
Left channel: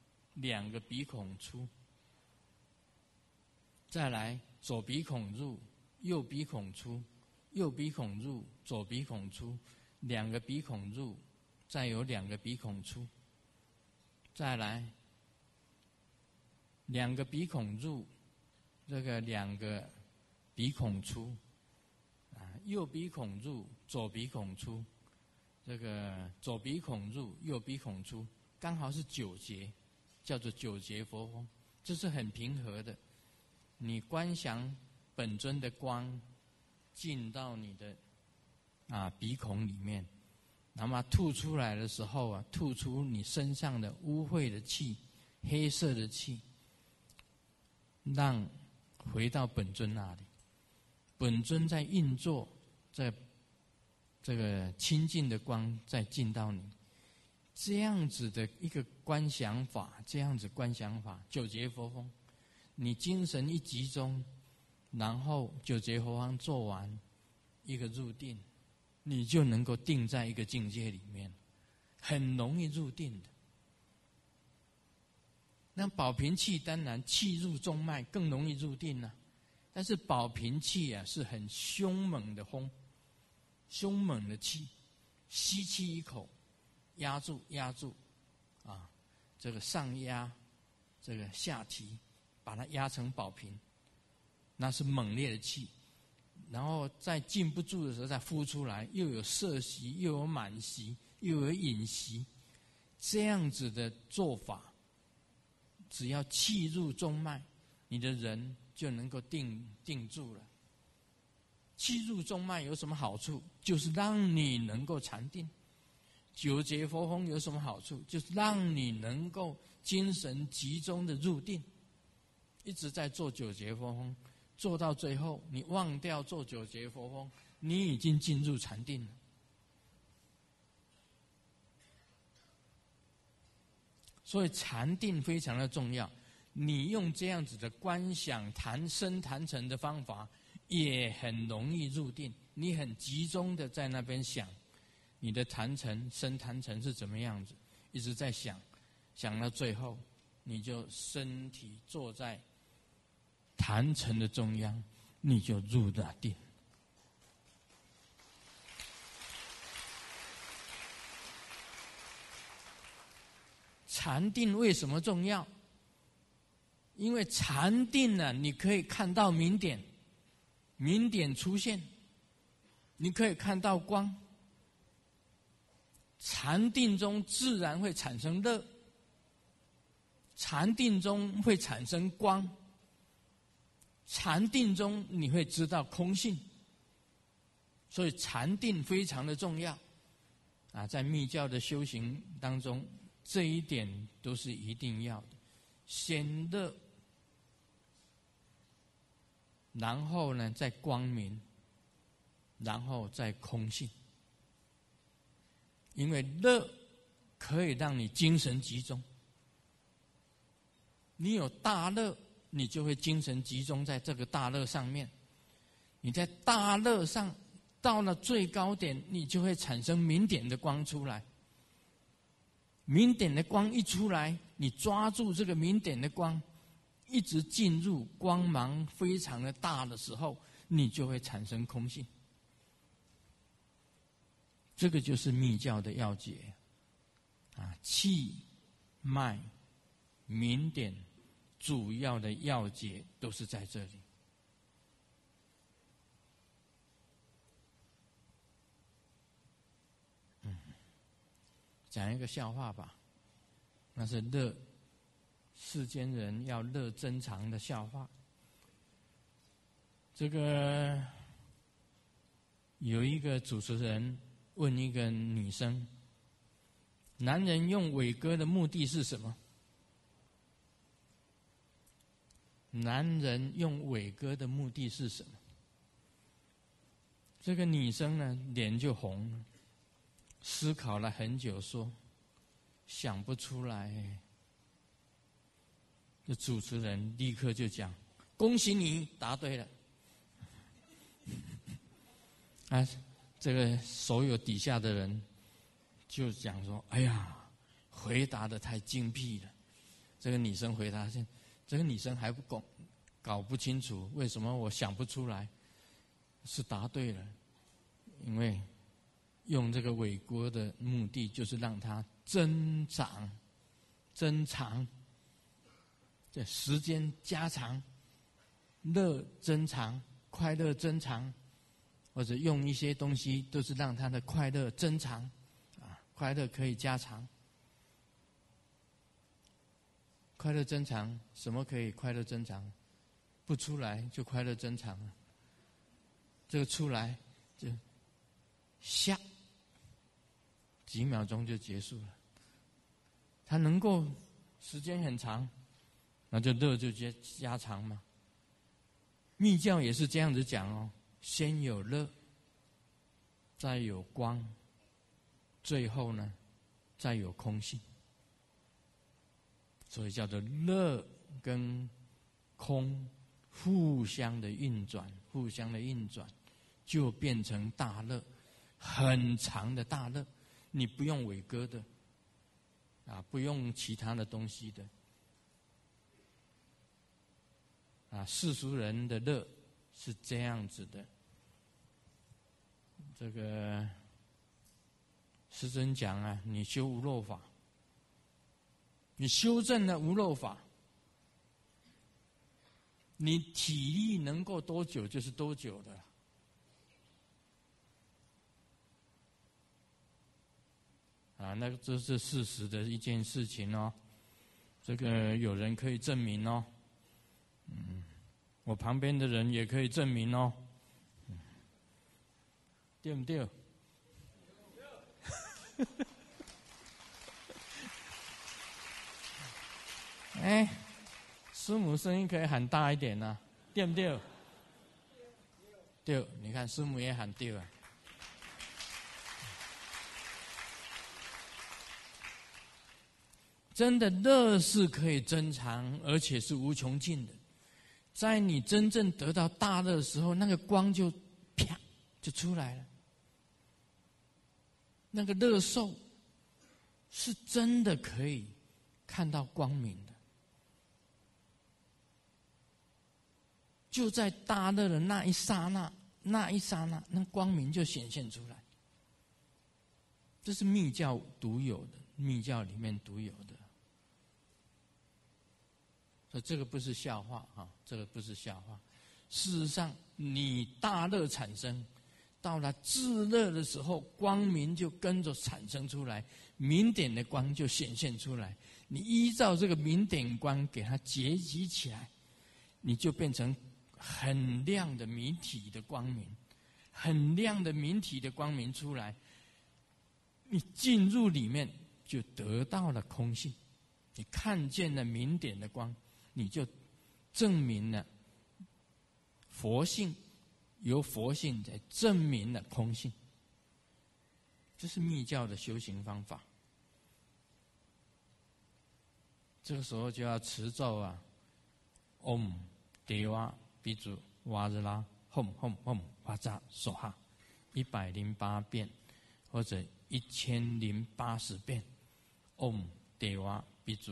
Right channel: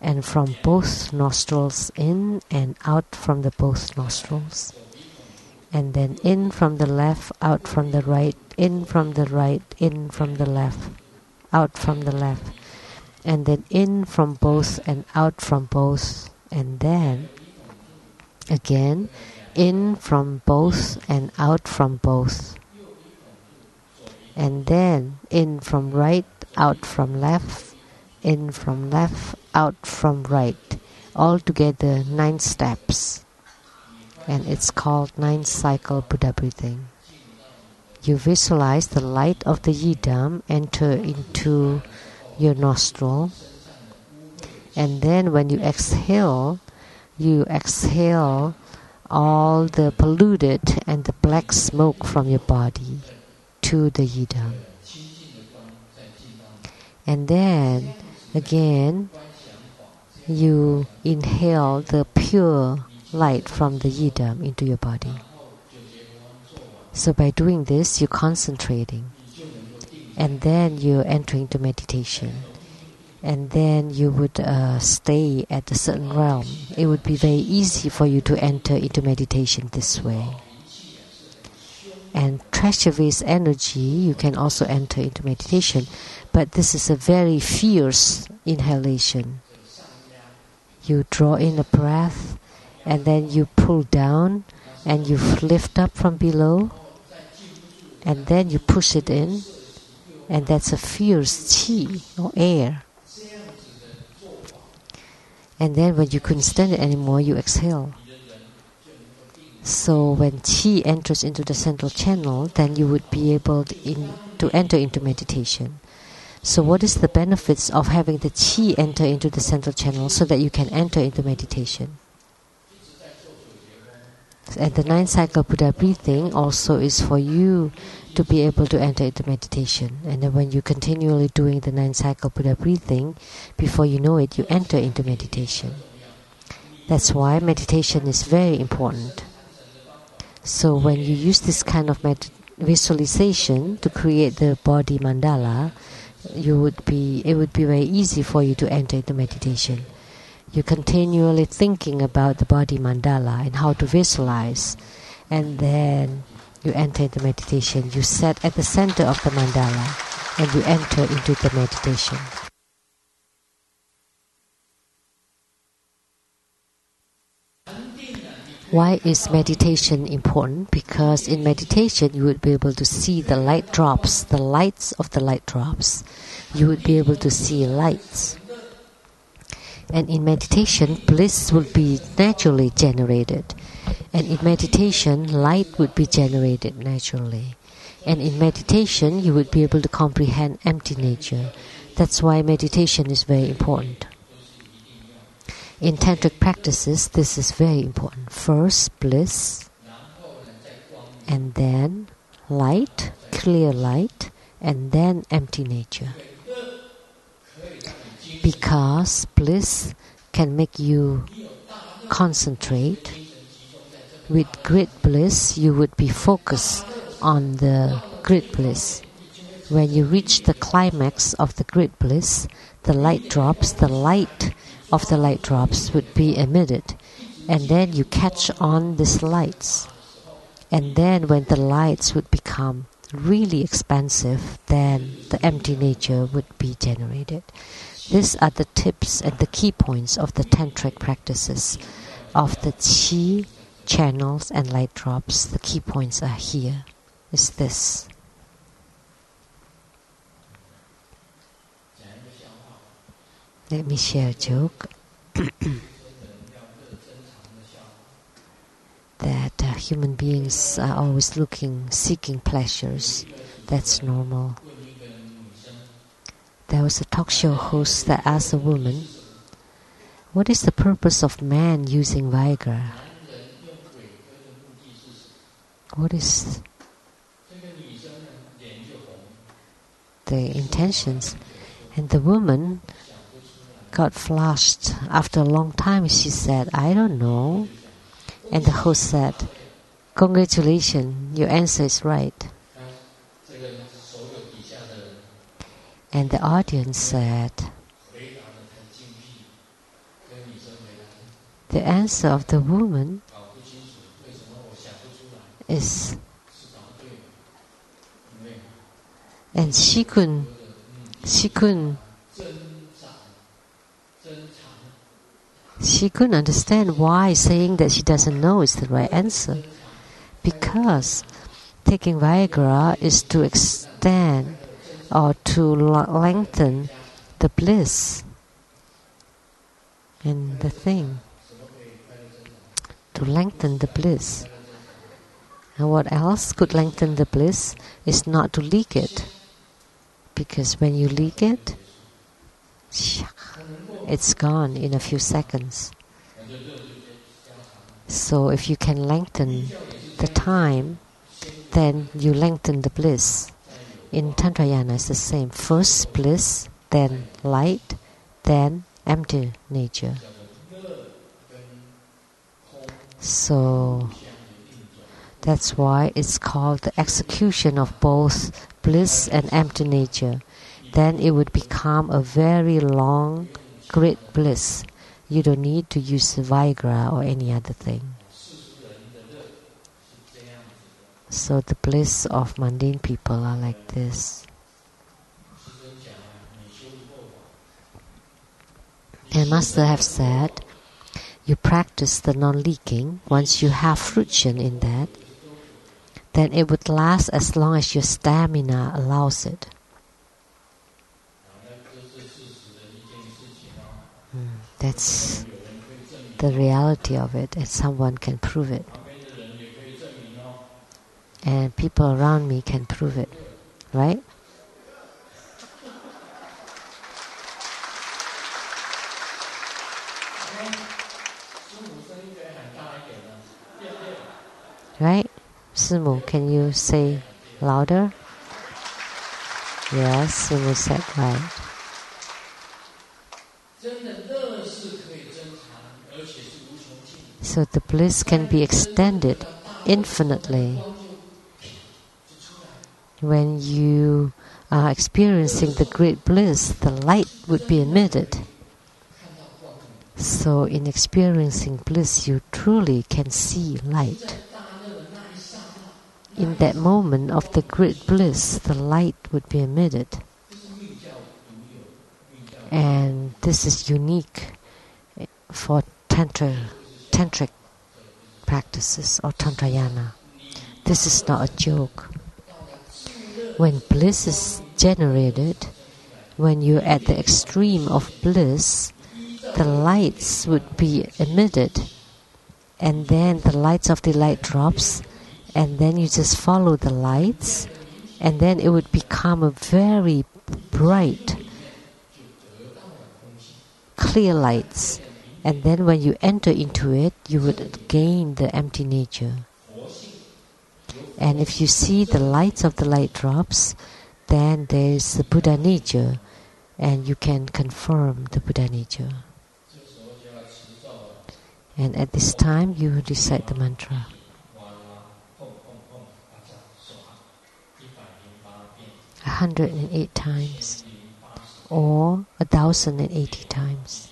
and from both nostrils in and out from the both nostrils, and then in from the left, out from the right, in from the right, in from the left, out from the left, and then in from both and out from both, and then Again, in from both and out from both. And then in from right, out from left, in from left, out from right. Altogether 9 steps. And it's called 9-cycle Buddha breathing. You visualize the light of the yidam enter into your nostril. And then when you exhale all the polluted and the black smoke from your body to the yidam. And then again you inhale the pure light from the yidam into your body. So by doing this, you're concentrating, and then you're entering into meditation, and then you would stay at a certain realm. It would be very easy for you to enter into meditation this way. And treasure-based energy, you can also enter into meditation, but this is a very fierce inhalation. You draw in a breath, and then you pull down, and you lift up from below, and then you push it in, and that's a fierce qi or air. And then when you couldn't stand it anymore, you exhale. So when qi enters into the central channel, then you would be able to enter into meditation. So what is the benefits of having the qi enter into the central channel so that you can enter into meditation? And the 9-cycle Buddha breathing also is for you to be able to enter into meditation. And then when you're continually doing the 9-cycle Buddha breathing, before you know it, you enter into meditation. That's why meditation is very important. So when you use this kind of visualization to create the body mandala, it would be very easy for you to enter into meditation. You're continually thinking about the body mandala and how to visualize, and then you enter into meditation. You sit at the center of the mandala, and you enter into the meditation. Why is meditation important? Because in meditation you would be able to see the light drops, the lights of the light drops. You would be able to see lights. And in meditation, bliss will be naturally generated. And in meditation, light would be generated naturally. And in meditation, you would be able to comprehend empty nature. That's why meditation is very important. In tantric practices, this is very important. First, bliss, and then light, clear light, and then empty nature. Because bliss can make you concentrate. With great bliss, you would be focused on the great bliss. When you reach the climax of the great bliss, the light drops, the light of the light drops would be emitted. And then you catch on these lights. And then when the lights would become really expansive, then the empty nature would be generated. These are the tips and the key points of the tantric practices of the qi, channels and light drops. The key points are here. Is this. Let me share a joke. That human beings are always seeking pleasures. That's normal. There was a talk show host that asked a woman, what is the purpose of man using Viagra? What is the intentions? And the woman got flushed. After a long time, she said, I don't know. And the host said, congratulations, your answer is right. And the audience said, the answer of the woman is, and she couldn't She couldn't understand why saying that she doesn't know is the right answer. Because taking Viagra is to extend or to lengthen the bliss. And the thing, to lengthen the bliss. And what else could lengthen the bliss is not to leak it. Because when you leak it, it's gone in a few seconds. So if you can lengthen the time, then you lengthen the bliss. In Tantrayana it's the same. First bliss, then light, then empty nature. So that's why it's called the execution of both bliss and empty nature. Then it would become a very long, great bliss. You don't need to use Viagra or any other thing. So the bliss of mundane people are like this. And Master have said, you practice the non-leaking. Once you have fruition in that, then it would last as long as your stamina allows it. That's the reality of it, and someone can prove it. And people around me can prove it, right? Right? Simu, can you say louder? Yes, Simu said right. So the bliss can be extended infinitely. When you are experiencing the great bliss, the light would be emitted. So in experiencing bliss, you truly can see light. In that moment of the great bliss, the light would be emitted. And this is unique for tantric practices or tantrayana. This is not a joke. When bliss is generated, when you're at the extreme of bliss, the lights would be emitted, and then the lights of the light drops, and then you just follow the lights, and then it would become a very bright, clear lights. And then when you enter into it, you would gain the empty nature. And if you see the lights of the light drops, then there is the Buddha nature, and you can confirm the Buddha nature. And at this time, you will recite the mantra. 108 times or 1,080 times.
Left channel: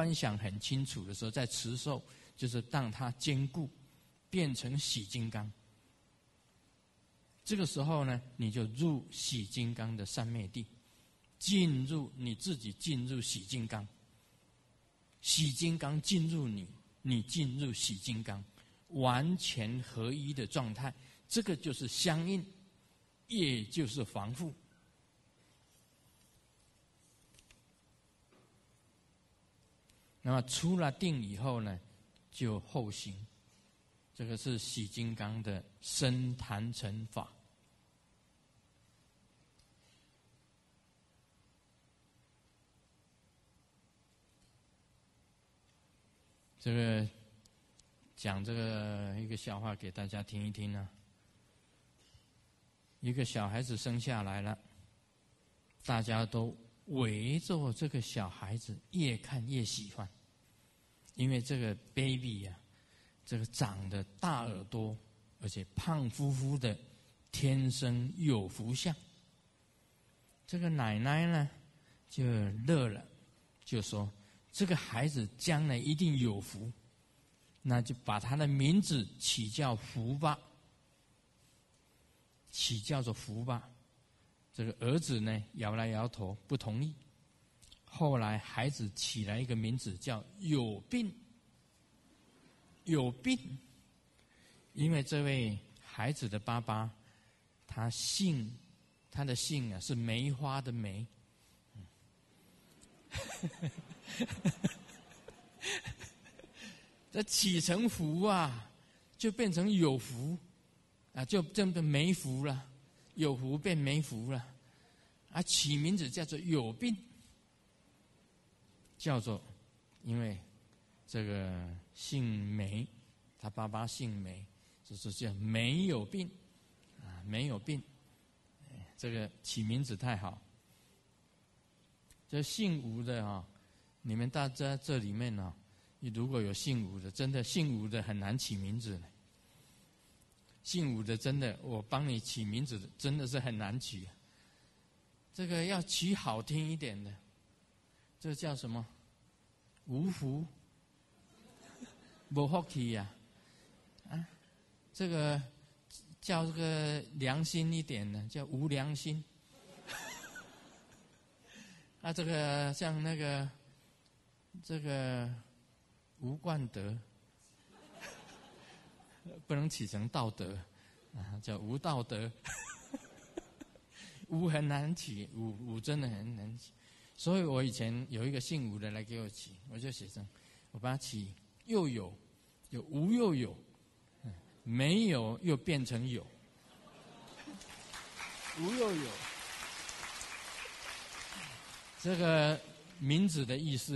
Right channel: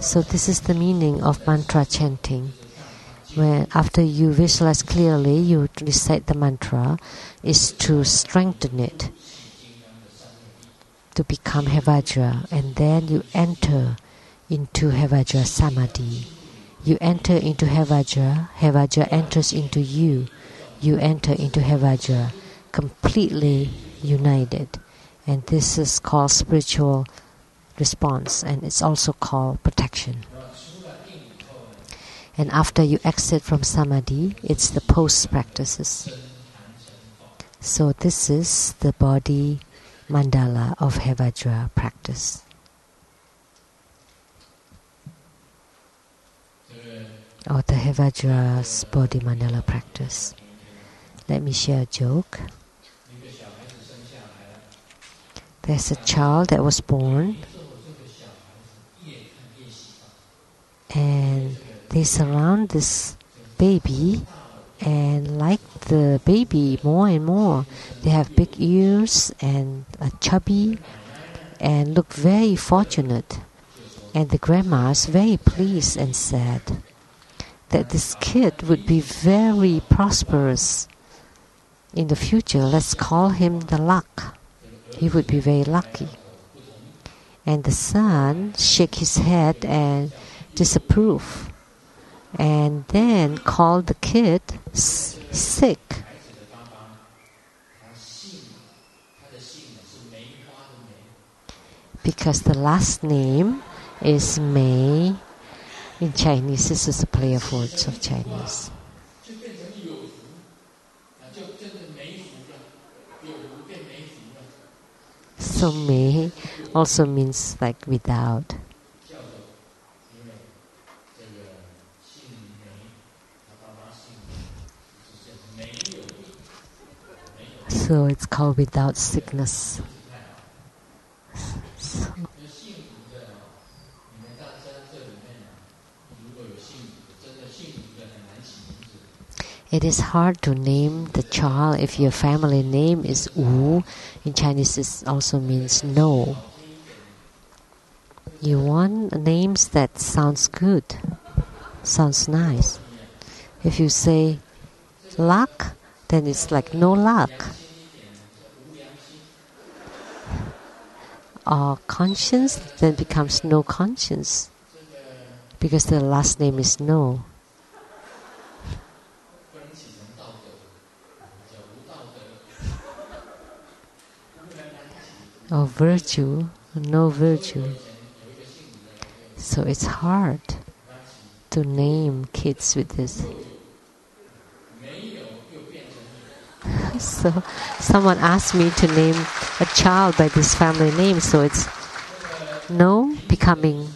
So this is the meaning of mantra chanting. When after you visualize clearly, you recite the mantra, is to strengthen it, to become Hevajra, and then you enter into Hevajra Samadhi. You enter into Hevajra, Hevajra enters into you. You enter into Hevajra, completely united. And this is called spiritual response, and it's also called protection. And after you exit from Samadhi, it's the post practices. So this is the body mandala of Hevajra practice. Or the Hevajra's body mandala practice. Let me share a joke. There's a child that was born, and they surround this baby and like the baby more and more. They have big ears and are chubby and look very fortunate. And the grandma is very pleased and said that this kid would be very prosperous in the future. Let's call him the luck. he would be very lucky. And the son shook his head and disapproved, and then called the kid sick. Because the last name is Mei. In Chinese, this is a play of words of Chinese. So Mei also means like without. So it's called without sickness. It is hard to name the child if your family name is Wu. In Chinese, it also means no. You want names that sounds good, sounds nice. If you say luck, then it's like no luck. Or conscience, then becomes no conscience. Because the last name is no. Or virtue, no virtue. So it's hard to name kids with this. So someone asked me to name a child by this family name, so it's no becoming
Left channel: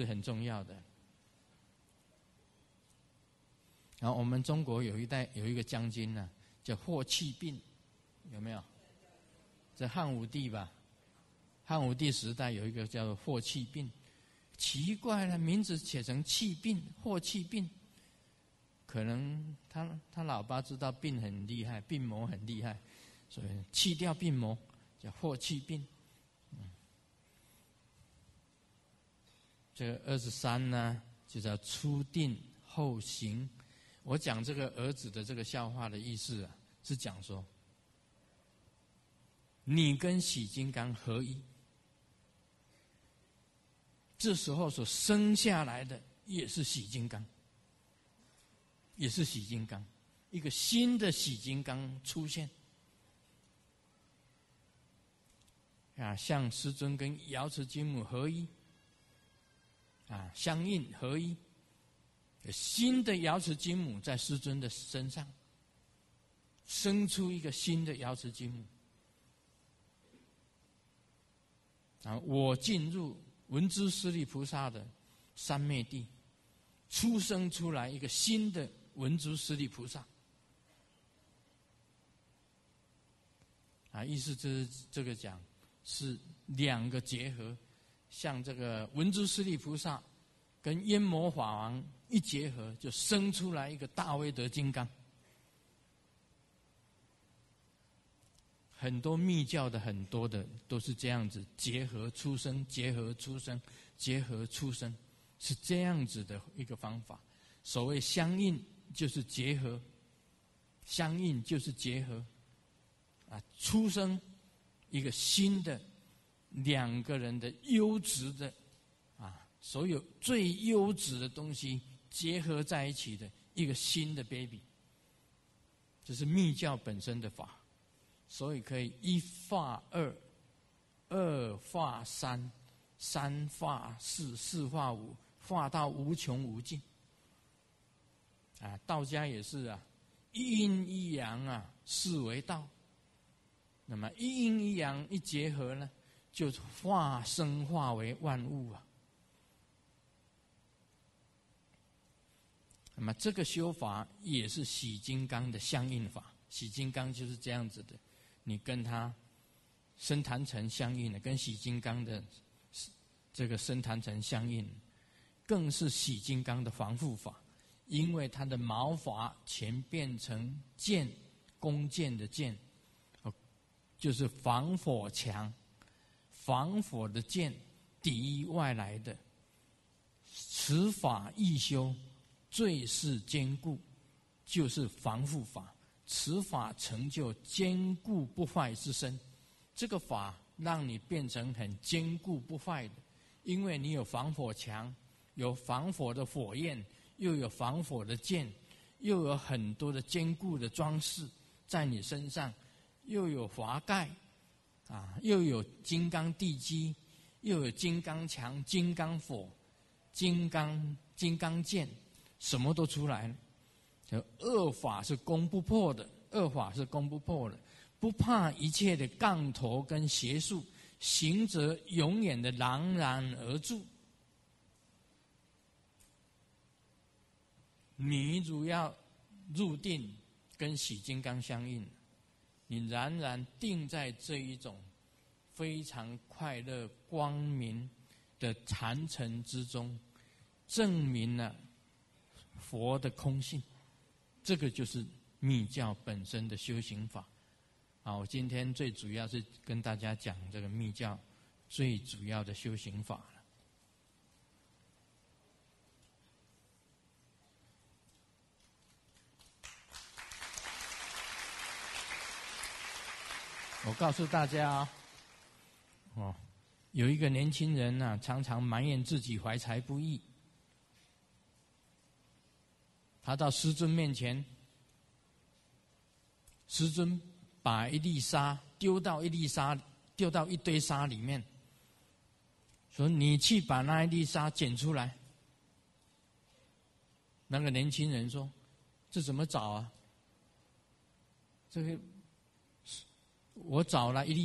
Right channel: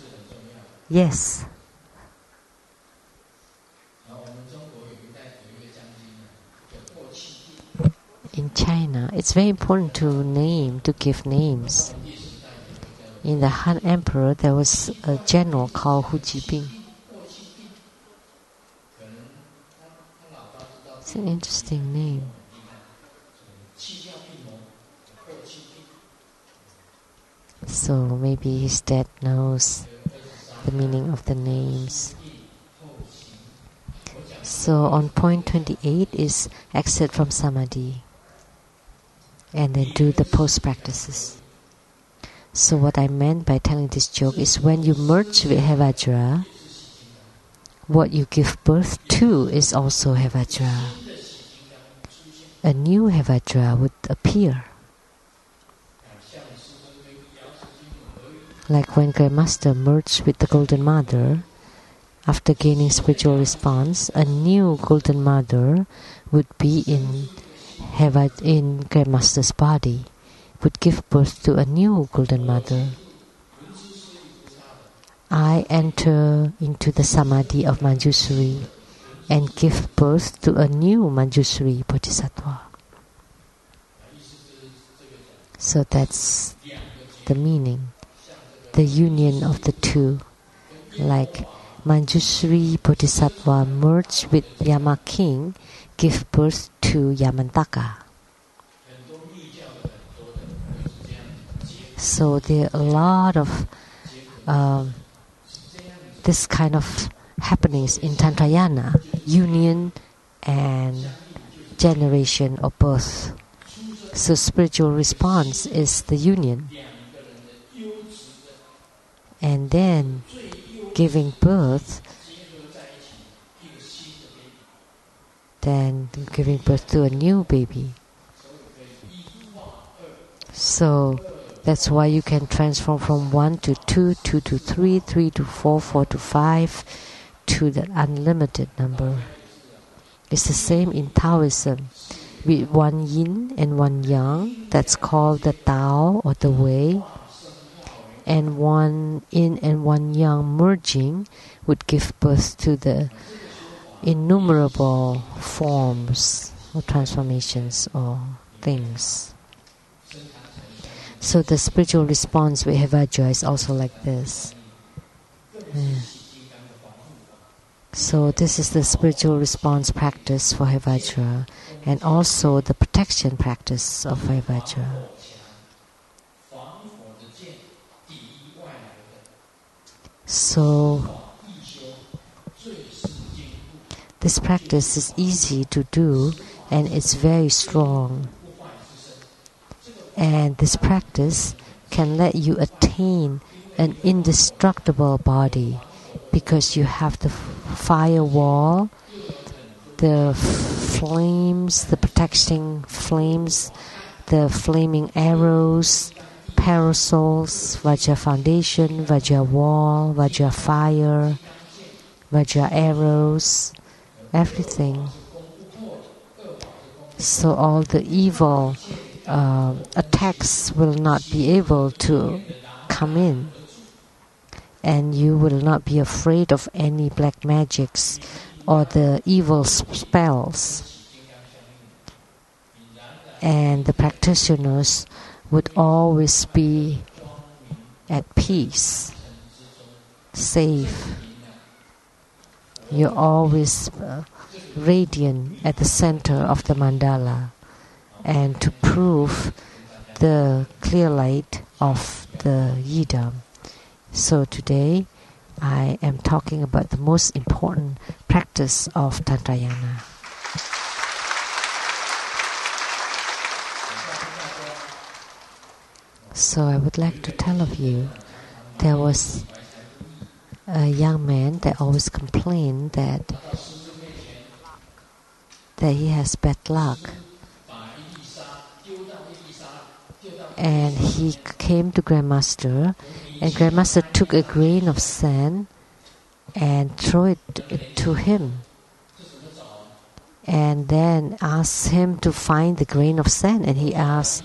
yes. In China, it's very important to give names. In the Han Emperor, there was a general called Hu Jibing. It's an interesting name. So maybe his dad knows the meaning of the names. So on point 28 is exit from Samadhi and then do the post practices. So what I meant by telling this joke is when you merge with Hevajra, what you give birth to is also Hevajra. A new Hevajra would appear. Like when Grandmaster merged with the Golden Mother, after gaining spiritual response, a new Golden Mother would be in Grandmaster's body, would give birth to a new Golden Mother. I enter into the Samadhi of Manjushri and give birth to a new Manjushri Bodhisattva. So that's the meaning, the union of the two. Like Manjushri Bodhisattva merged with Yama King, give birth to Yamantaka. So there are a lot of this kind of happenings in Tantrayana, union and generation or birth. So spiritual response is the union. And then giving birth, then giving birth to a new baby. So that's why you can transform from 1 to 2, 2 to 3, 3 to 4, 4 to 5, to the unlimited number. It's the same in Taoism. With one yin and one yang, that's called the Tao or the way, and one yin and one yang merging would give birth to the innumerable forms or transformations or things. So the spiritual response with Hevajra is also like this. So this is the spiritual response practice for Hevajra, and also the protection practice of Hevajra. So this practice is easy to do and it's very strong. And this practice can let you attain an indestructible body because you have the firewall, the flames, the protecting flames, the flaming arrows, parasols, Vajra foundation, Vajra wall, Vajra fire, Vajra arrows, everything. So all the evil attacks will not be able to come in, and you will not be afraid of any black magics or the evil spells. And the practitioners would always be at peace, safe. You're always radiant at the center of the mandala, and to prove the clear light of the yidam. So today I am talking about the most important practice of Tantrayana. So I would like to tell of you, there was a young man that always complained that he has bad luck. And he came to Grandmaster, and Grandmaster took a grain of sand and threw it to him, and then asked him to find the grain of sand. And he asked,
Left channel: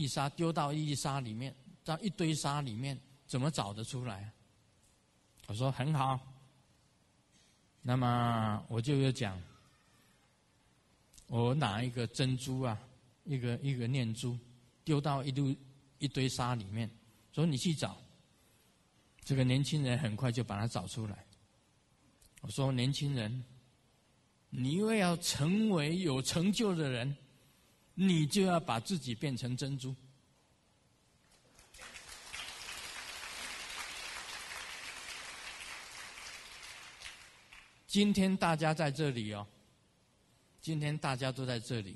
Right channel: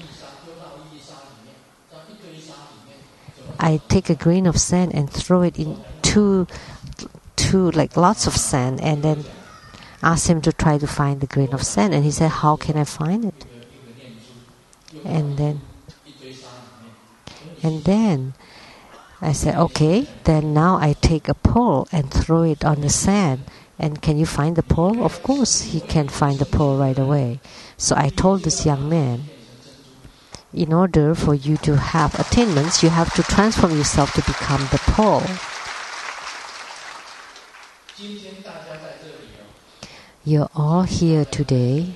I take a grain of sand and throw it into like lots of sand, and then asked him to try to find the grain of sand. And he said, how can I find it? And then I said, okay, then now I take a pole and throw it on the sand. And can you find the pole? Of course, he can find the pole right away. So I told this young man, in order for you to have attainments, you have to transform yourself to become the pole. You're all here today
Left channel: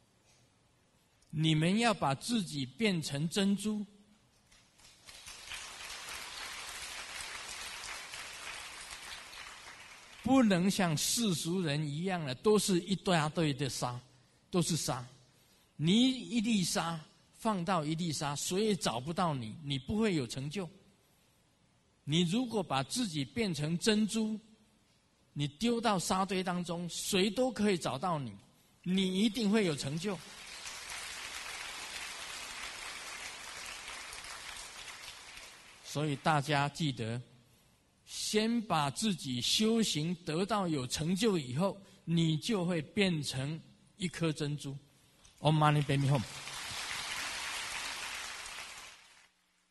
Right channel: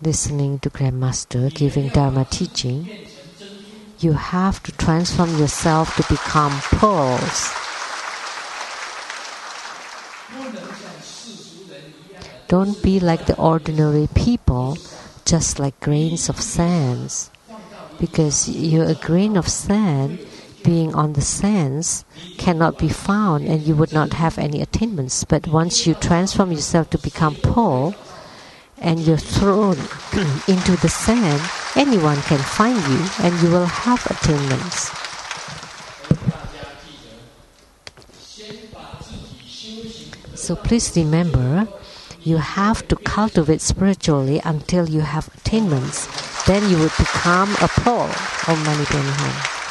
listening to Grandmaster giving Dharma teaching. You have to transform yourself to become pearls. Don't be like the ordinary people, just like grains of sands. Because you're a grain of sand, being on the sands cannot be found, and you would not have any attainments. But once you transform yourself to become pearl, and you're thrown into the sand, anyone can find you, and you will have attainments. So please remember, you have to cultivate spiritually until you have attainments. Then you will become a pearl. Om Mani Padme Hum.